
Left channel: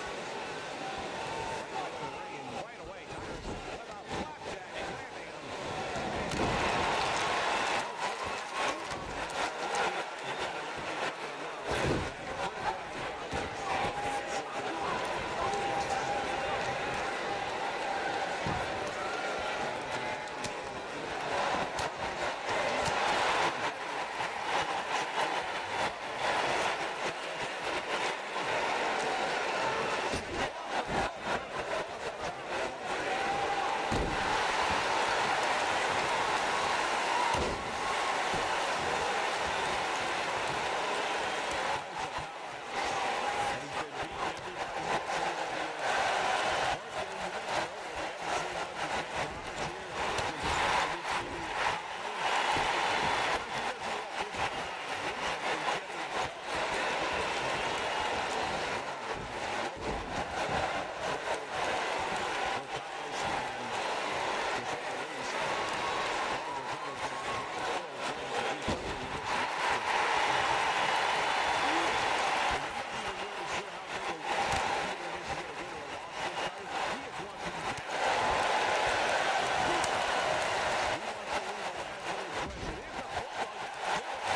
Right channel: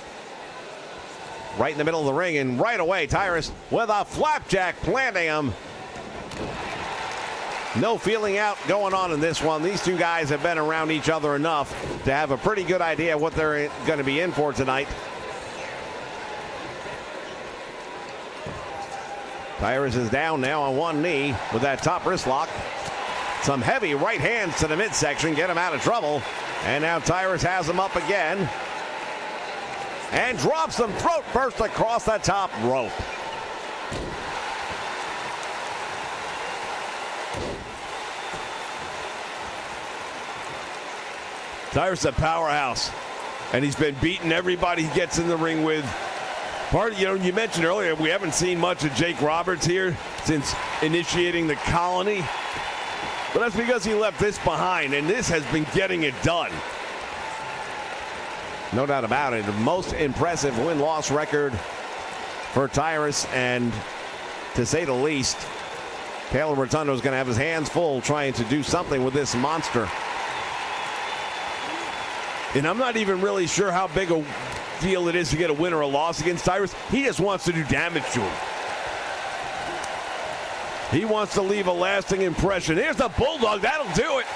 Right in the middle of the ring, and right away, Tyrus with a flapjack planting him. No feeling out going on in this one. These two guys have been around each other enough to have a pretty good idea what they're going to be in for tonight. Tyrus is down now on one knee with that top wrist lock. Some heavy right hands to the midsection, get him out of trouble. And now Tyrus has him up again. And drops him throat first across the top rope. Tyrus is a powerhouse, and he's been beating everybody he gets in the ring with. You mentioned earlier we haven't seen much of Jake Roberts here since initiating the Colony, but that's because he left this behind, and this has been getting it done. No doubt about it. The most impressive win-loss record for Tyrus, and to say the least, Taylor Rotundo is going to have his hands full trying to do something with this monster. And I'm not even really sure how big a deal it is to get a win or a loss against Tyrus. He just wants to do damage to him. He wants to leave a lasting impression. Here's the Bulldog. That'll do it.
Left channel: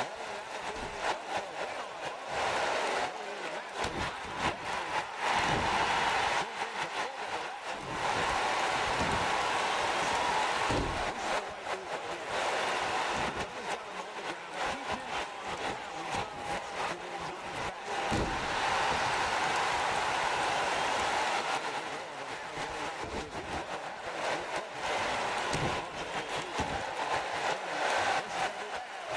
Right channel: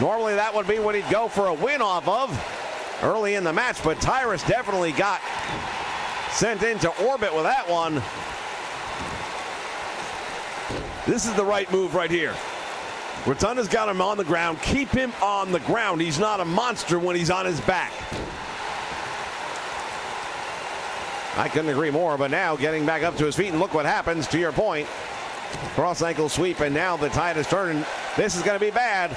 Normally that would be what he'd go for a win off of early in the match, but Tyrus definitely got sent into orbit with that one. This is the right move right here. Rotunda's got him on the ground. Keep him on the ground. He's not a monster when he's on his back. I couldn't agree more, but now getting back up to his feet, and look what happens, to your point. Cross ankle sweep, and now the tide is turning. This is going to be bad.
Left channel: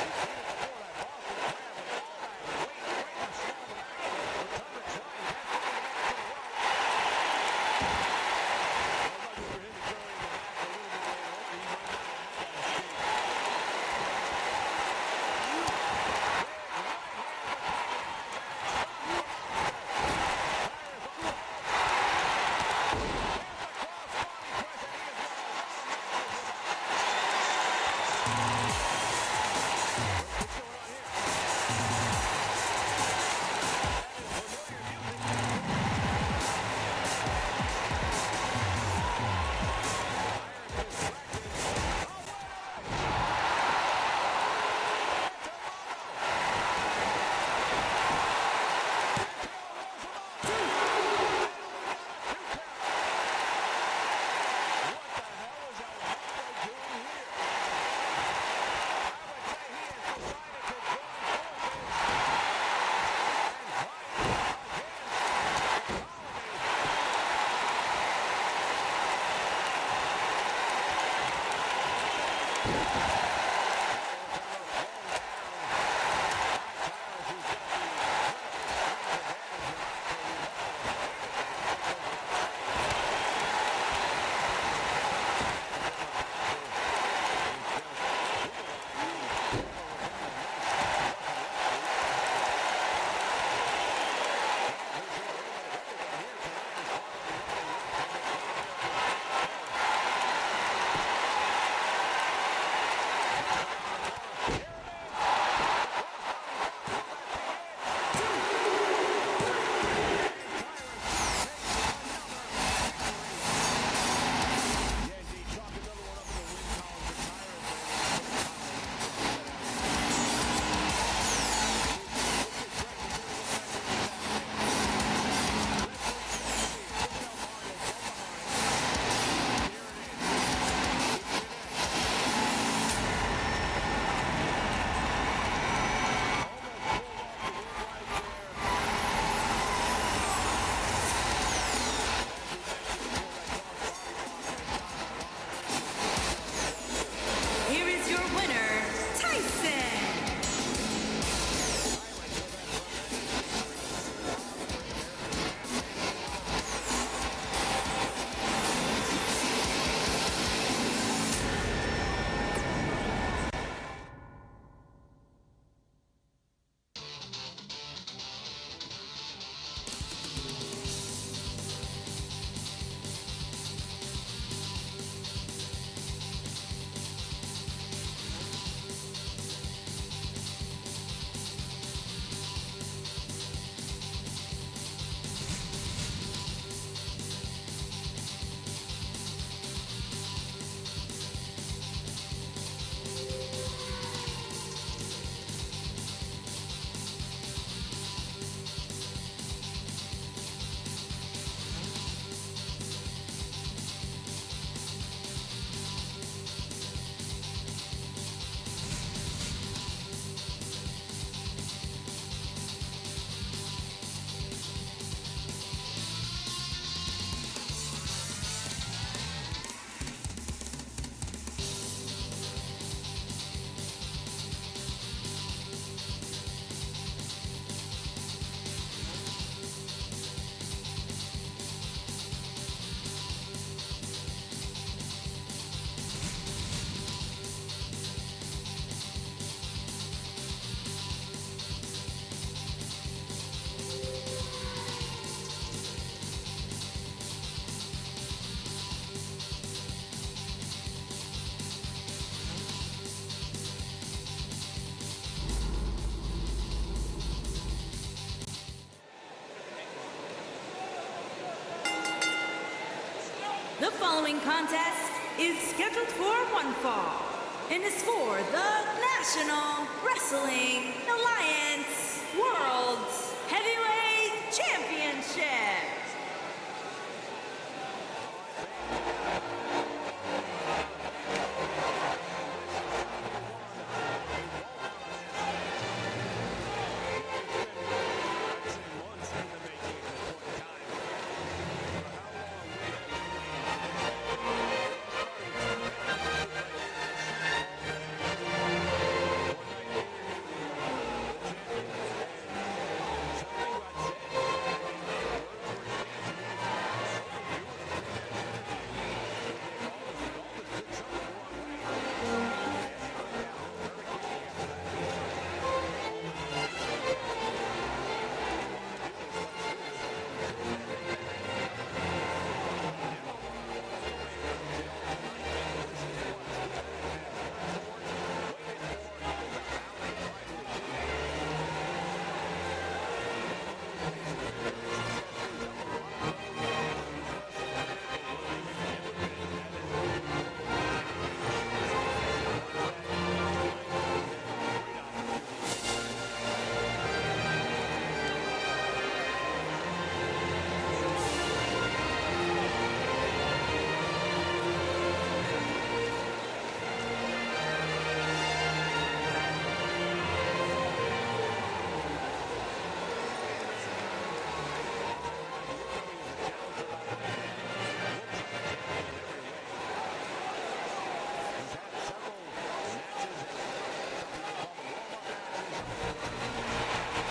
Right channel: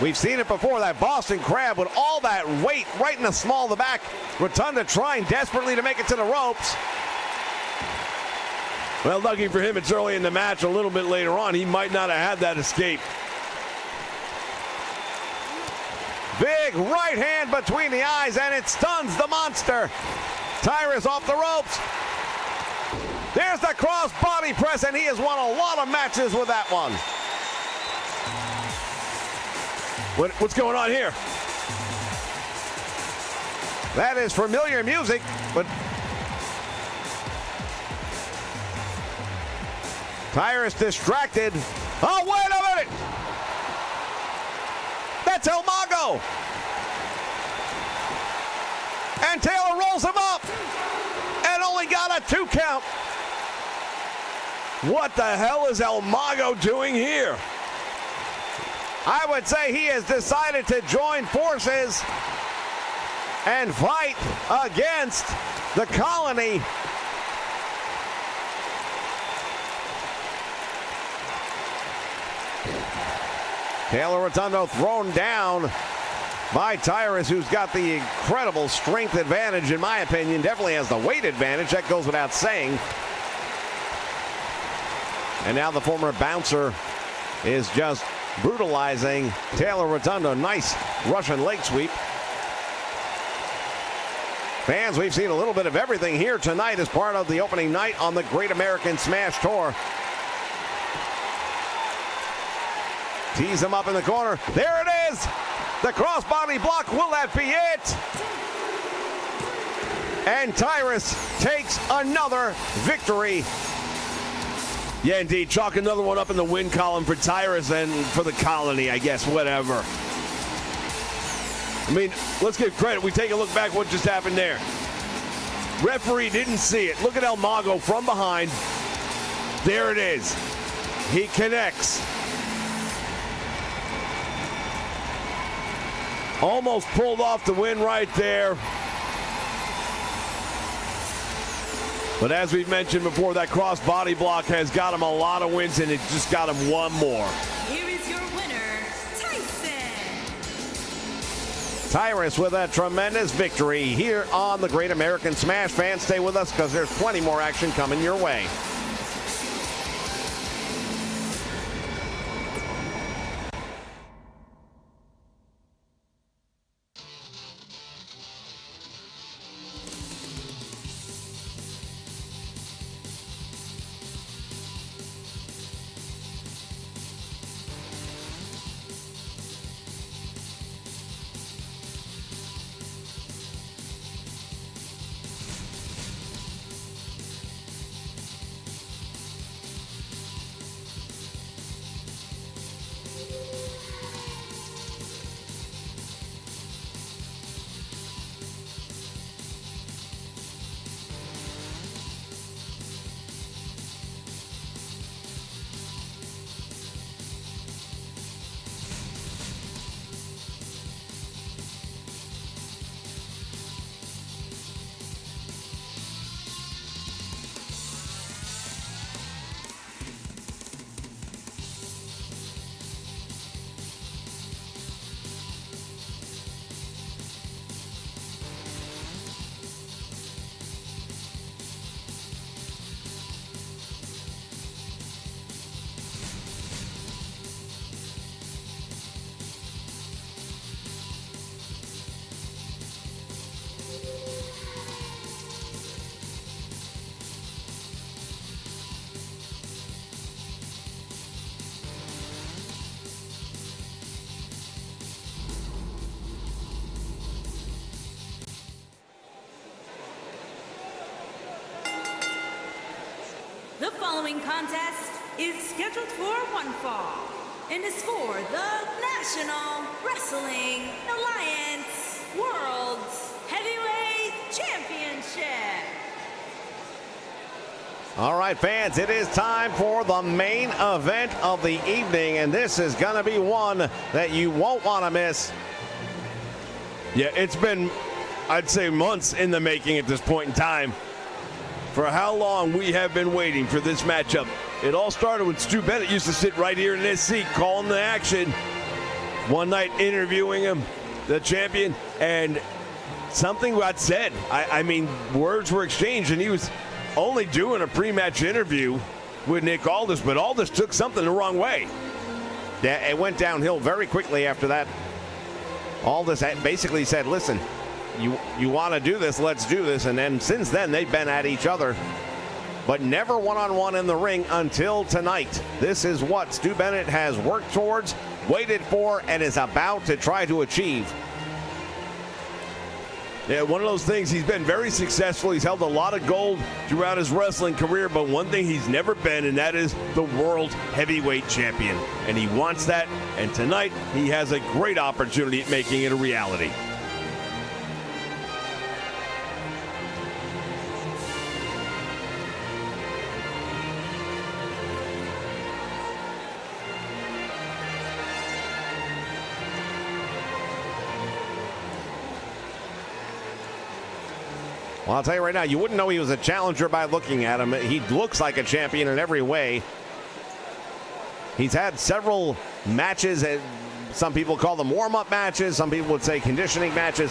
We've seen it before, that Boston Crab with all that weight right in the small of the back. Rotunda trying desperately to make it to the ropes. Well, lucky for him, it's early in the match. A little bit later on, he might not have had that escape. Big right hand between the eyes, and it stuns the monster. Tyrus off the ropes. There's the cross body press, and he has won a lot of matches with that one. What's going on here? That is familiar music, but Tyrus distracted. Oh, wait a minute! That's El Mago! And Taylor rolls him up and only got a 2 count. What the hell is El Mago doing here? I would say he has decided to join forces and fight against the Colony. Taylor Rotundo thrown down by Tyrus, who's got the incredible strength advantage, in my opinion. Definitely has the weight advantage. That goes without saying. And now the former bouncer is just brutalizing Taylor Rotundo. Nice Russian leg sweep. Fans, we've seen a little bit of everything here tonight as part of the opening night on the Great American Smash Tour. Tees him up in the corner. There it is! The crossbody block. Will that be it? And Tyrus takes another victory. Yeah, indeed. Chalk another one up in the win column for Tyrus and for the Colony, I guess, whatever. I mean, let's give credit. We take a look back what just happened there. Referee didn't see it. Look at El Mago from behind. There it is. He connects. Almost pulled off the win right there. But as we've mentioned before, that cross body block has got him a lot of wins, and it just got him one more. Here is your winner, Tyson. Tyrus with a tremendous victory here on the Great American Smash. Fans, stay with us because there's plenty more action coming your way. The following contest is scheduled for one fall and is for the National Wrestling Alliance World Heavyweight Championship. All right, fans, it is time for the main event of the evening, and this is going to be one that you won't want to miss. Yeah, it's been, I'd say, months in the making at this point in time. For how long we have been waiting for this matchup. It all started when Stu Bennett used to sit right here in this seat calling the action. One night interviewing him, the champion, and something got said. I mean, words were exchanged, and he was only doing a pre-match interview with Nick Aldis, but Aldis took something the wrong way. Yeah, it went downhill very quickly after that. Aldis basically said, listen, you want to do this, let's do this. And then since then, they've been at each other, but never one-on-one in the ring until tonight. This is what Stu Bennett has worked towards, waited for, and is about to try to achieve. Yeah, one of those things, he's been very successful. He's held a lot of gold throughout his wrestling career, but one thing he's never been, and that is the World Heavyweight Champion. And he wants that, and tonight he has a great opportunity at making it a reality. Well, I'll tell you right now, you wouldn't know he was a challenger by looking at him. He looks like a champion in every way. He's had several matches, and some people call them warm-up matches, some people would say conditioning matches,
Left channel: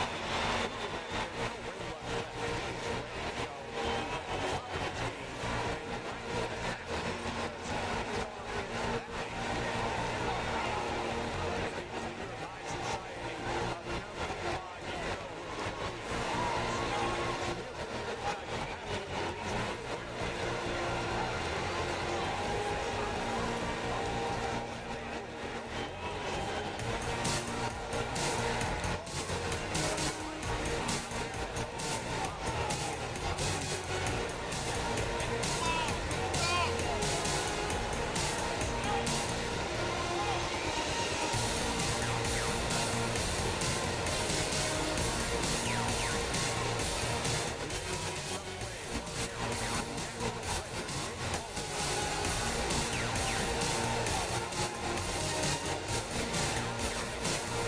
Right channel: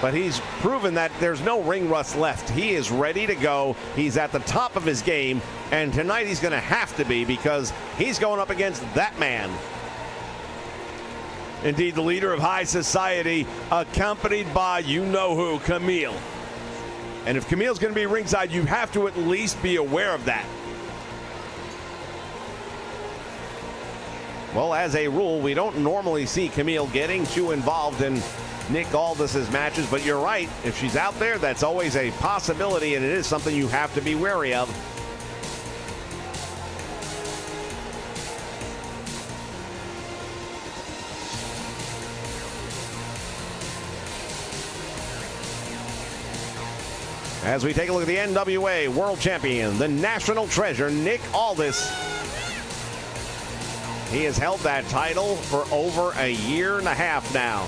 but he's proven that there's no ring rust left. He is ready to go. He's at the top of his game, and tonight he's going to have to be, because he's going up against that man. Indeed, the leader of high society, accompanied by you-know-who, Camille. And if Camille's going to be ringside, you have to at least be aware of that. Well, as a rule, we don't normally see Camille getting too involved in Nick Aldis's matches, but you're right. If she's out there, that's always a possibility, and it is something you have to be wary of. As we take a look at the NWA World Champion, the national treasure, Nick Aldis. He has held that title for over a year and a half now.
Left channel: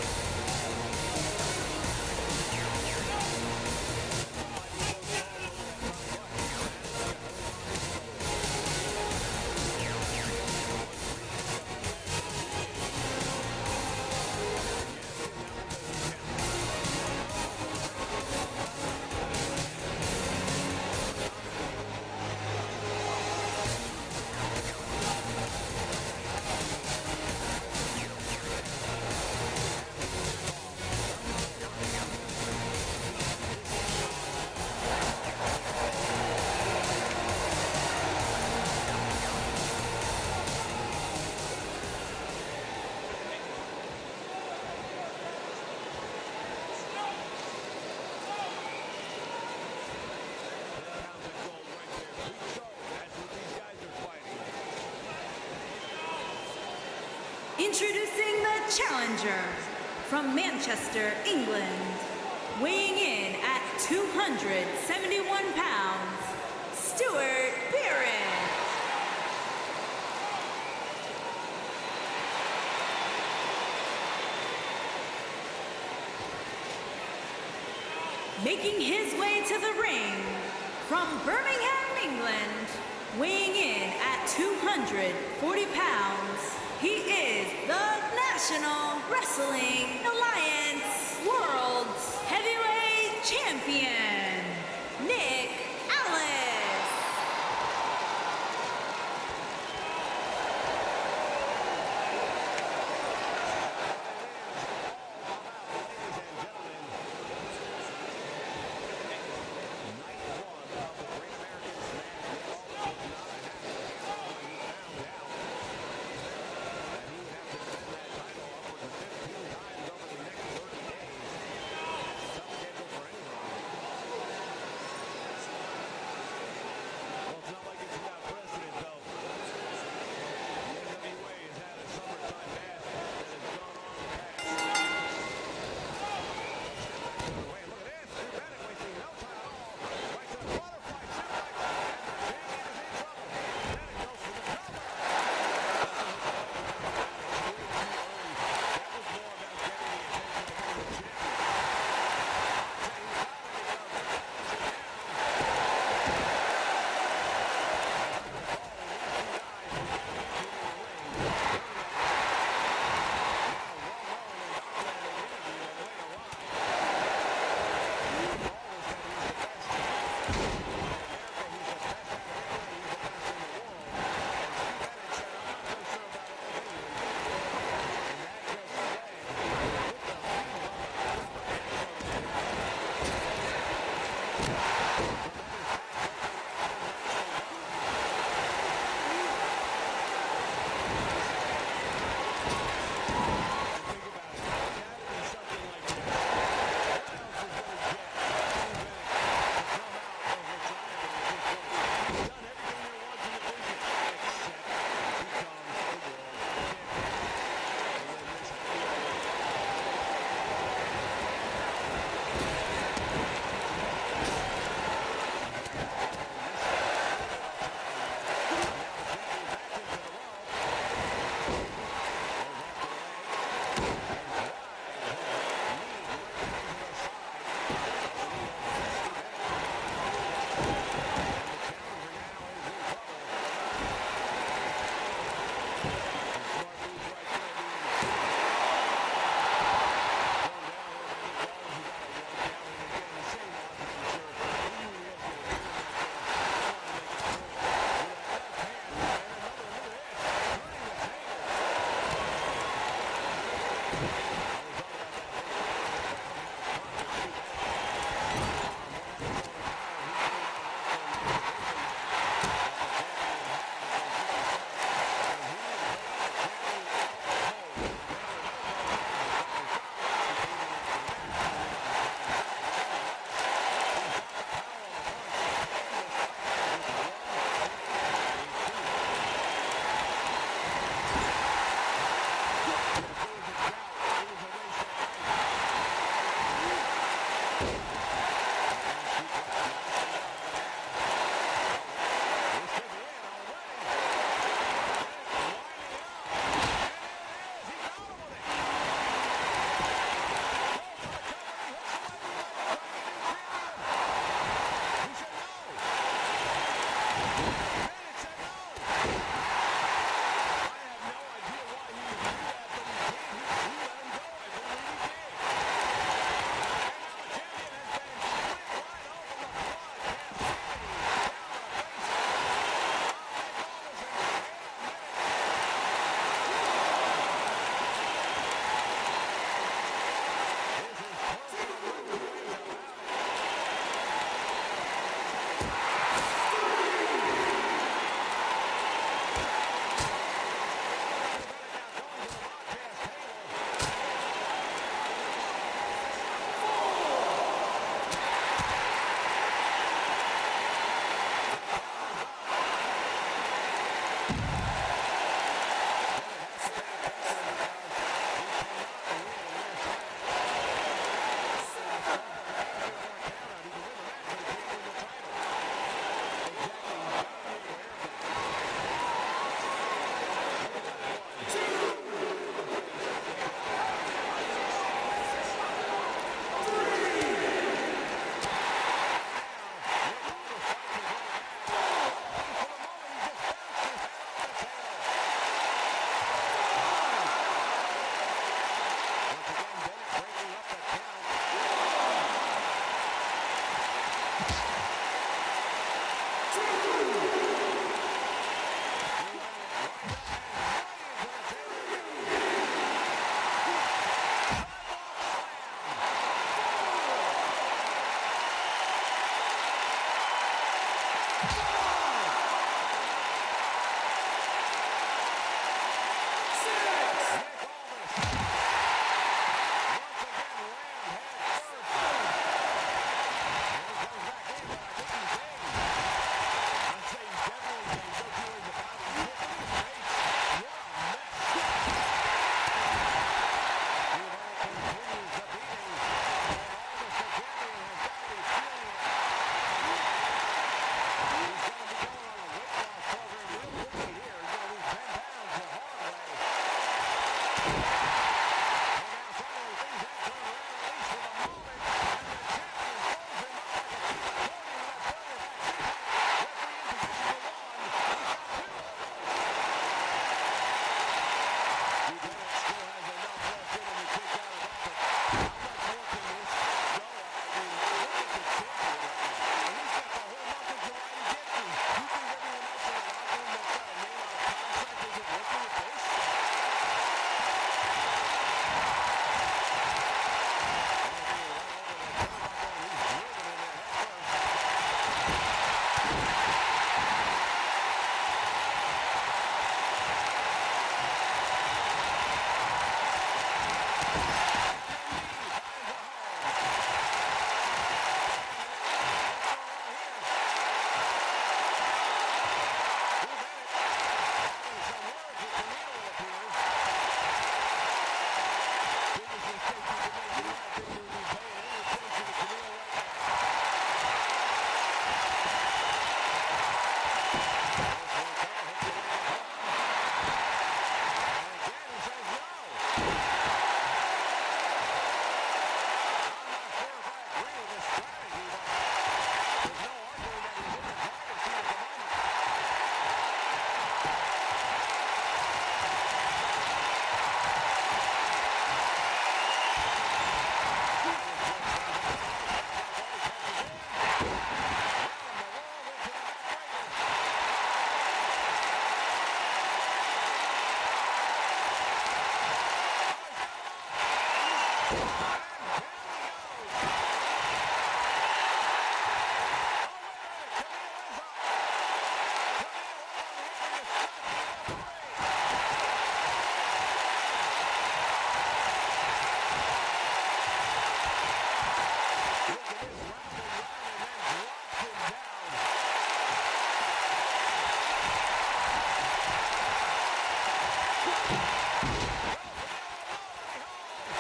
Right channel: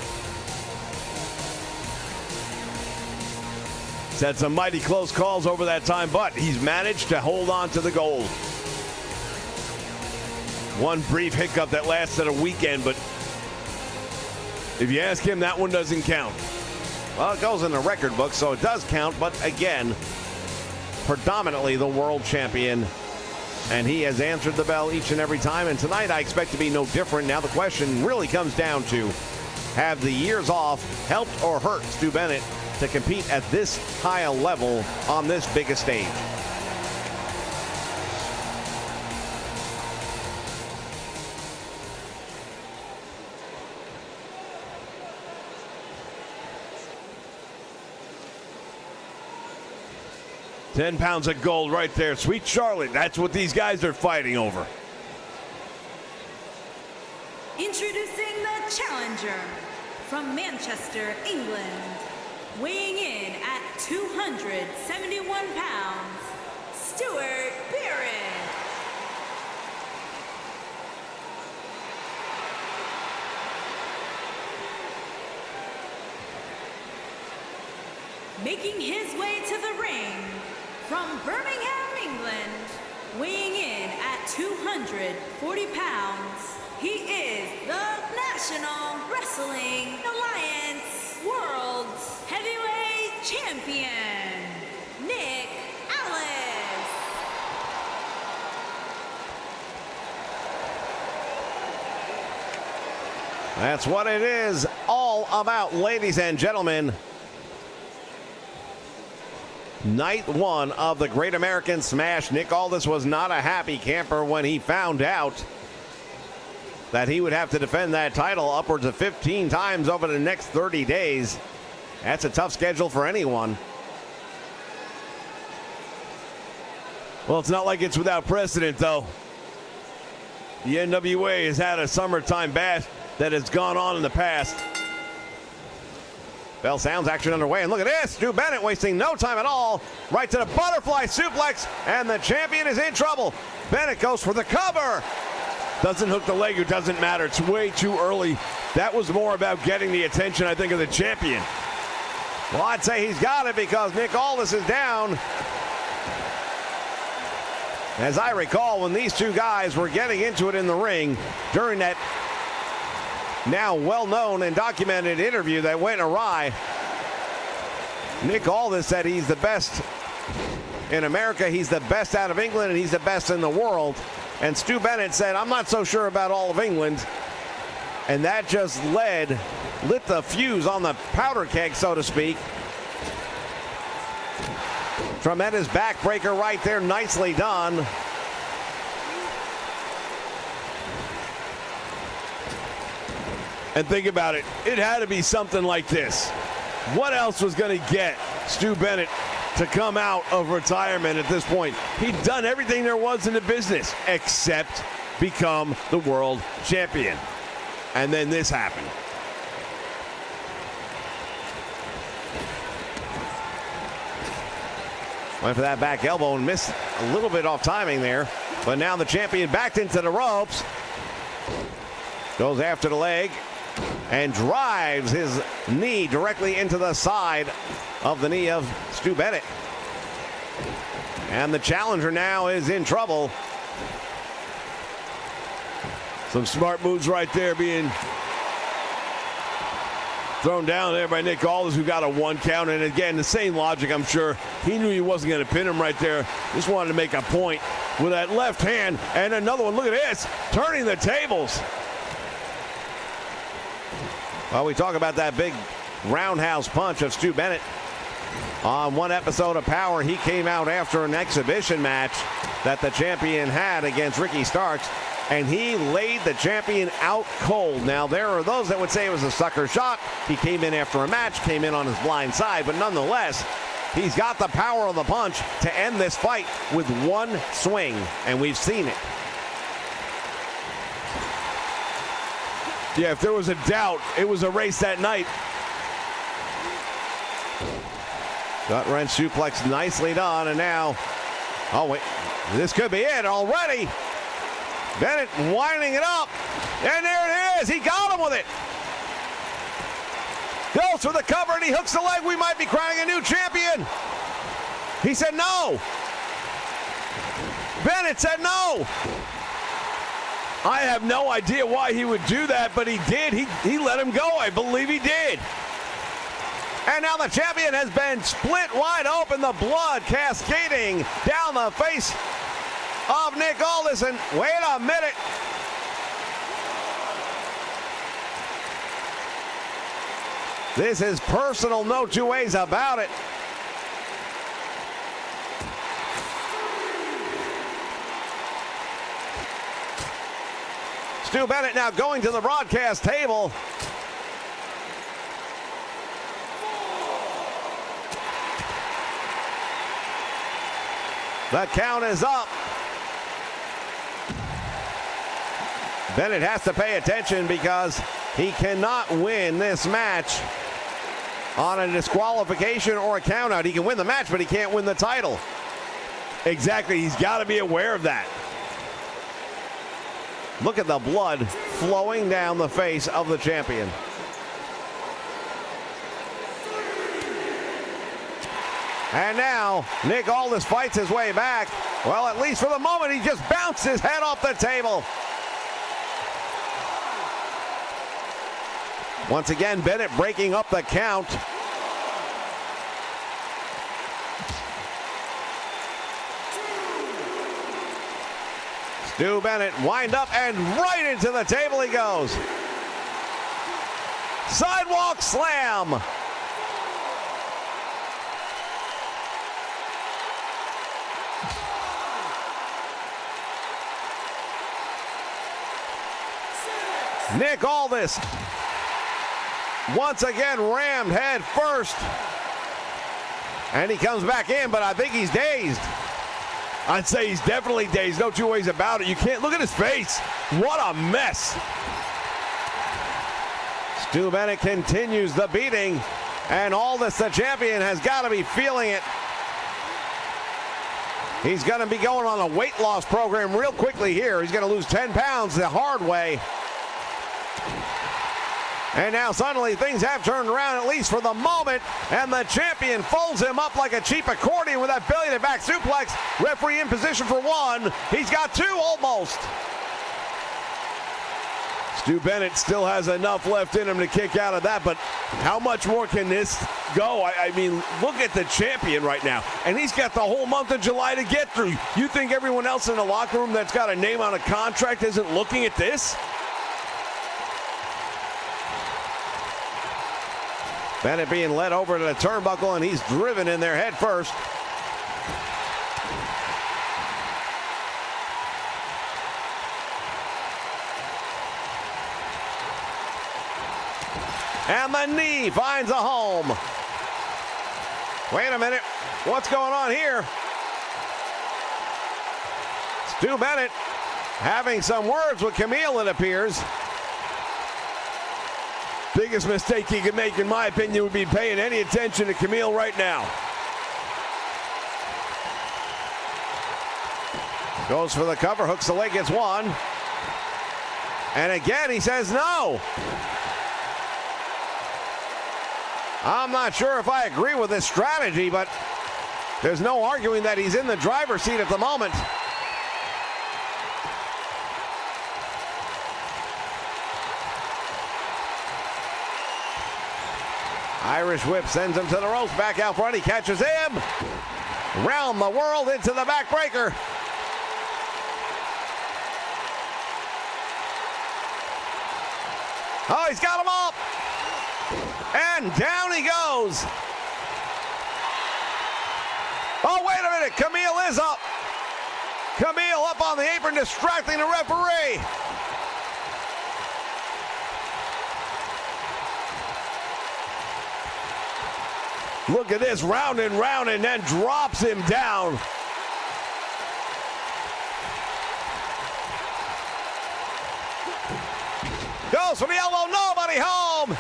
He's had some mighty close calls over that time, but he's managed to hold on to the gold. One brief hiccup that lasted a weekend, but if you ask him, that one doesn't count. Well, it goes in the record book, so it does count, but again, predominantly the world champion, and he has answered the bell each and every time, and tonight I expect to be no different. Now the question really comes down to, have the years off helped or hurt Stu Bennett to compete at this high a level on this biggest stage? £10 of gold right there. Sweet Charlotte, that's what these guys are fighting over. Introducing the challenger from Manchester, England, weighing in at 271 pounds, Stuart Barrett. Making his way to the ring from Birmingham, England, weighing in at 240 pounds, he is the National Wrestling Alliance World Heavyweight Champion, Nick Aldis. That's what it is all about, ladies and gentlemen. Night one of the Great American Smash. Nick Aldis was not a happy camper when he found out that he would have to defend that title upwards of 15 times over the next 30 days. That's a tough schedule for anyone. Well, it's not like it's without precedent, though. The NWA has had a summertime bash that has gone on in the past. Bell sounds action underway, and look at this. Stu Bennett wasting no time at all. Right to the butterfly suplex, and the champion is in trouble. Bennett goes for the cover. Doesn't hook the leg, it doesn't matter. It's way too early. That was more about getting the attention, I think, of the champion. Well, I'd say he's got it because Nick Aldis is down. As I recall, when these two guys were getting into it in the ring during that now well-known and documented interview that went awry, Nick Aldis said he's the best in America, he's the best out of England, and he's the best in the world. And Stu Bennett said, I'm not so sure about all of England. And that just lit the fuse on the powder keg, so to speak. Tremendous backbreaker right there, nicely done. And think about it, it had to be something like this. What else was going to get Stu Bennett to come out of retirement at this point? He'd done everything there was in the business except become the world champion. And then this happened. Went for that back elbow and missed a little bit off timing there. But now the champion backed into the ropes. Goes after the leg and drives his knee directly into the side of the knee of Stu Bennett. And the challenger now is in trouble. Some smart moves right there being thrown down there by Nick Aldis, who got a 1 count. And again, the same logic, I'm sure. He knew he wasn't going to pin him right there. Just wanted to make a point with that left hand. And another one, look at this, turning the tables. Well, we talk about that big roundhouse punch of Stu Bennett. On one episode of Power, he came out after an exhibition match that the champion had against Ricky Starks, and he laid the champion out cold. Now, there are those that would say it was a sucker shot. He came in after a match, came in on his blind side, but nonetheless, he's got the power of the punch to end this fight with one swing, and we've seen it. Yeah, if there was a doubt, it was a race that night. Gut wrench suplex nicely done, and now, oh wait, this could be it already. Bennett winding it up, and there it is. He got him with it. Goes for the cover, and he hooks the leg. We might be crowning a new champion. He said no. Bennett said no. I have no idea why he would do that, but he did. He let him go. I believe he did. And now the champion has been split wide open, the blood cascading down the face of Nick Aldis. And wait a minute. This is personal, no two ways about it. Stu Bennett now going to the broadcast table. The count is up. Bennett has to pay attention because he cannot win this match on a disqualification or a countout. He can win the match, but he can't win the title. Exactly. He's got to be aware of that. Look at the blood flowing down the face of the champion. And now Nick Aldis fights his way back. Well, at least for the moment, he just bounced his head off the table. Once again, Bennett breaking up the count. Stu Bennett wind up and right into the table he goes. Sidewalk slam. Nick Aldis once again rammed head first. And he comes back in, but I think he's dazed. I'd say he's definitely dazed. No two ways about it. You can't look at his face. What a mess. Stu Bennett continues the beating, and Aldis, the champion, has got to be feeling it. He's going to be going on a weight loss program real quickly here. He's going to lose 10 pounds the hard way. And now suddenly things have turned around, at least for the moment, and the champion folds him up like a cheap accordion with that belly to back suplex. Referee in position for one. He's got two almost. Stu Bennett still has enough left in him to kick out of that, but how much more can this go? I mean, look at the champion right now, and he's got the whole month of July to get through. You think everyone else in the locker room that's got a name on a contract isn't looking at this? Bennett being led over to the turnbuckle, and he's driven in there head first. And the knee finds a home. Wait a minute. What's going on here? Stu Bennett having some words with Camille, it appears. Biggest mistake he could make, in my opinion, would be paying any attention to Camille right now. Goes for the cover, hooks the leg, gets one. And again, he says no. I'm not sure if I agree with this strategy, but there's no arguing that he's in the driver's seat at the moment. Irish whip sends him to the ropes, back out front, he catches him. Round the world into the backbreaker. Oh, he's got him up. And down he goes. Oh, wait a minute. Camille is up. Camille up on the apron, distracting the referee. Look at this, round and round, and then drops him down. Goes from the elbow, nobody home.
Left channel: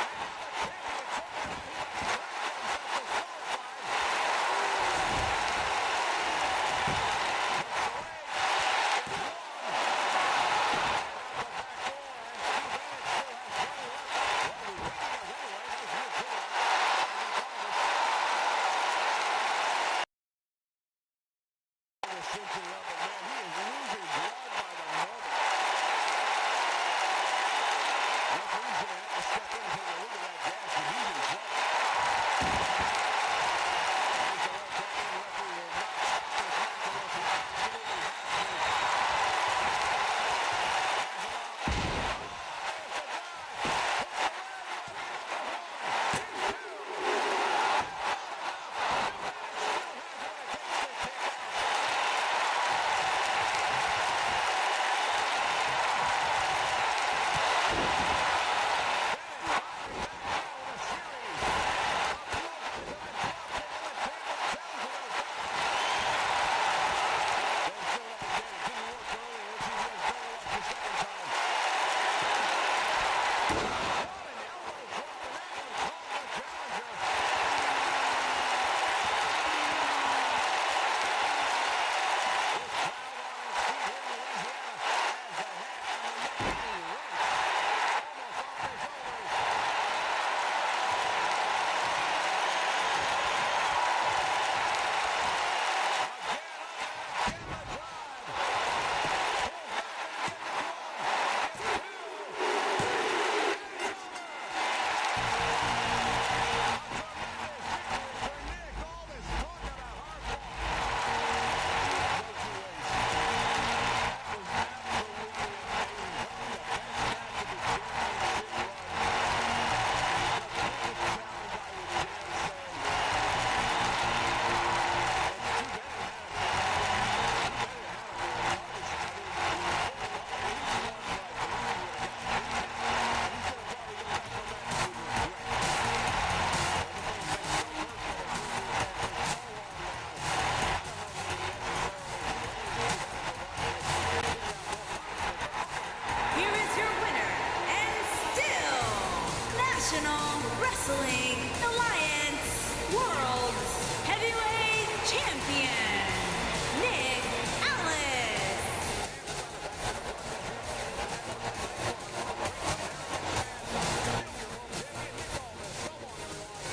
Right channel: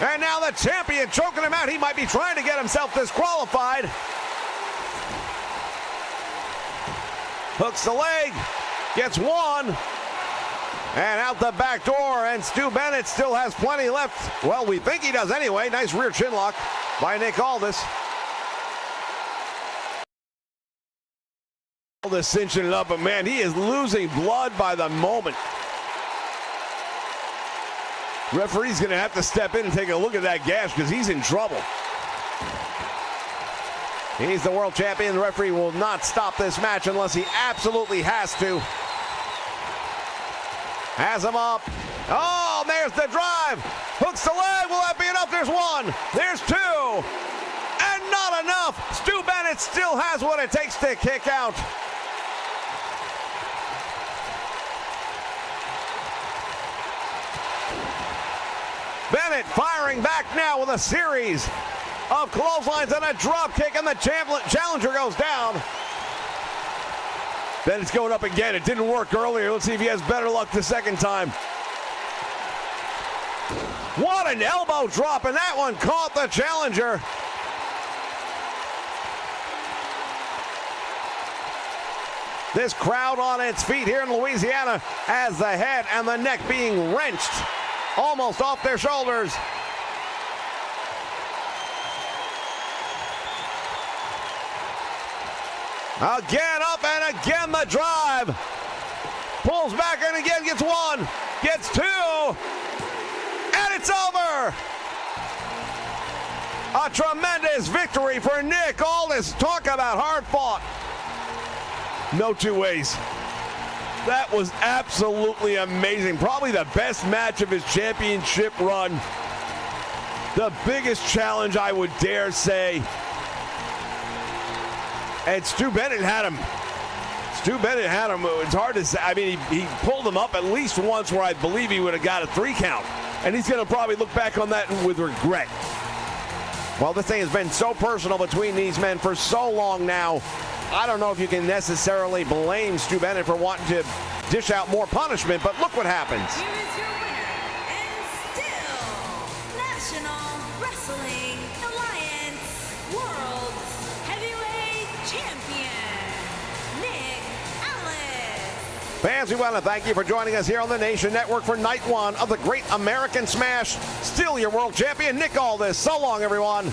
And now the champion choking him out. He might be trying to get himself disqualified. Hooks the leg, gets one. And out the back door, and Stu Bennett still has plenty left. Well, we think he does anyway. Nice rear chin lock by Nick Aldis. Aldis cinching it up, but man, he is losing blood by the moment. Referee's going to have to step in and take a look at that gash because he's in trouble. He's the world champion. The referee will not stop this match unless he absolutely has to. Has him up. Oh, there's the drive. Hooks the leg. Will that be enough? There's one. There's two. And not enough. Stu Bennett still has what it takes to kick out. Bennett firing back now with a series of clotheslines and a drop kick, and the challenger goes down. Bennett's going up again. It didn't work earlier. Let's see if he has better luck the second time. What an elbow drop, and that one caught the challenger. This crowd on its feet here in Louisiana as the head and the neck being wrenched almost off their shoulders. Again up and again the drive. Pulls back and again gets one, gets two, and it's over. A tremendous victory for Nick Aldis. Talk about hard fought. No two ways. That was absolutely amazing. Probably the best match of his championship run. The biggest challenge, I would dare say. And Stu Bennett had him. Stu Bennett had him. It's hard to say. I mean, he pulled him up at least once where I believe he would have got a 3 count. And he's going to probably look back on that with regret. Well, this thing has been so personal between these men for so long now. I don't know if you can necessarily blame Stu Bennett for wanting to dish out more punishment, but look what happens. Here is your winner, and still National Wrestling Alliance World Heavyweight Champion, Nick Aldis. Fans, we want to thank you for joining us here on the Nation Network for night one of the Great American Smash. Still your world champion, Nick Aldis. So long, everyone.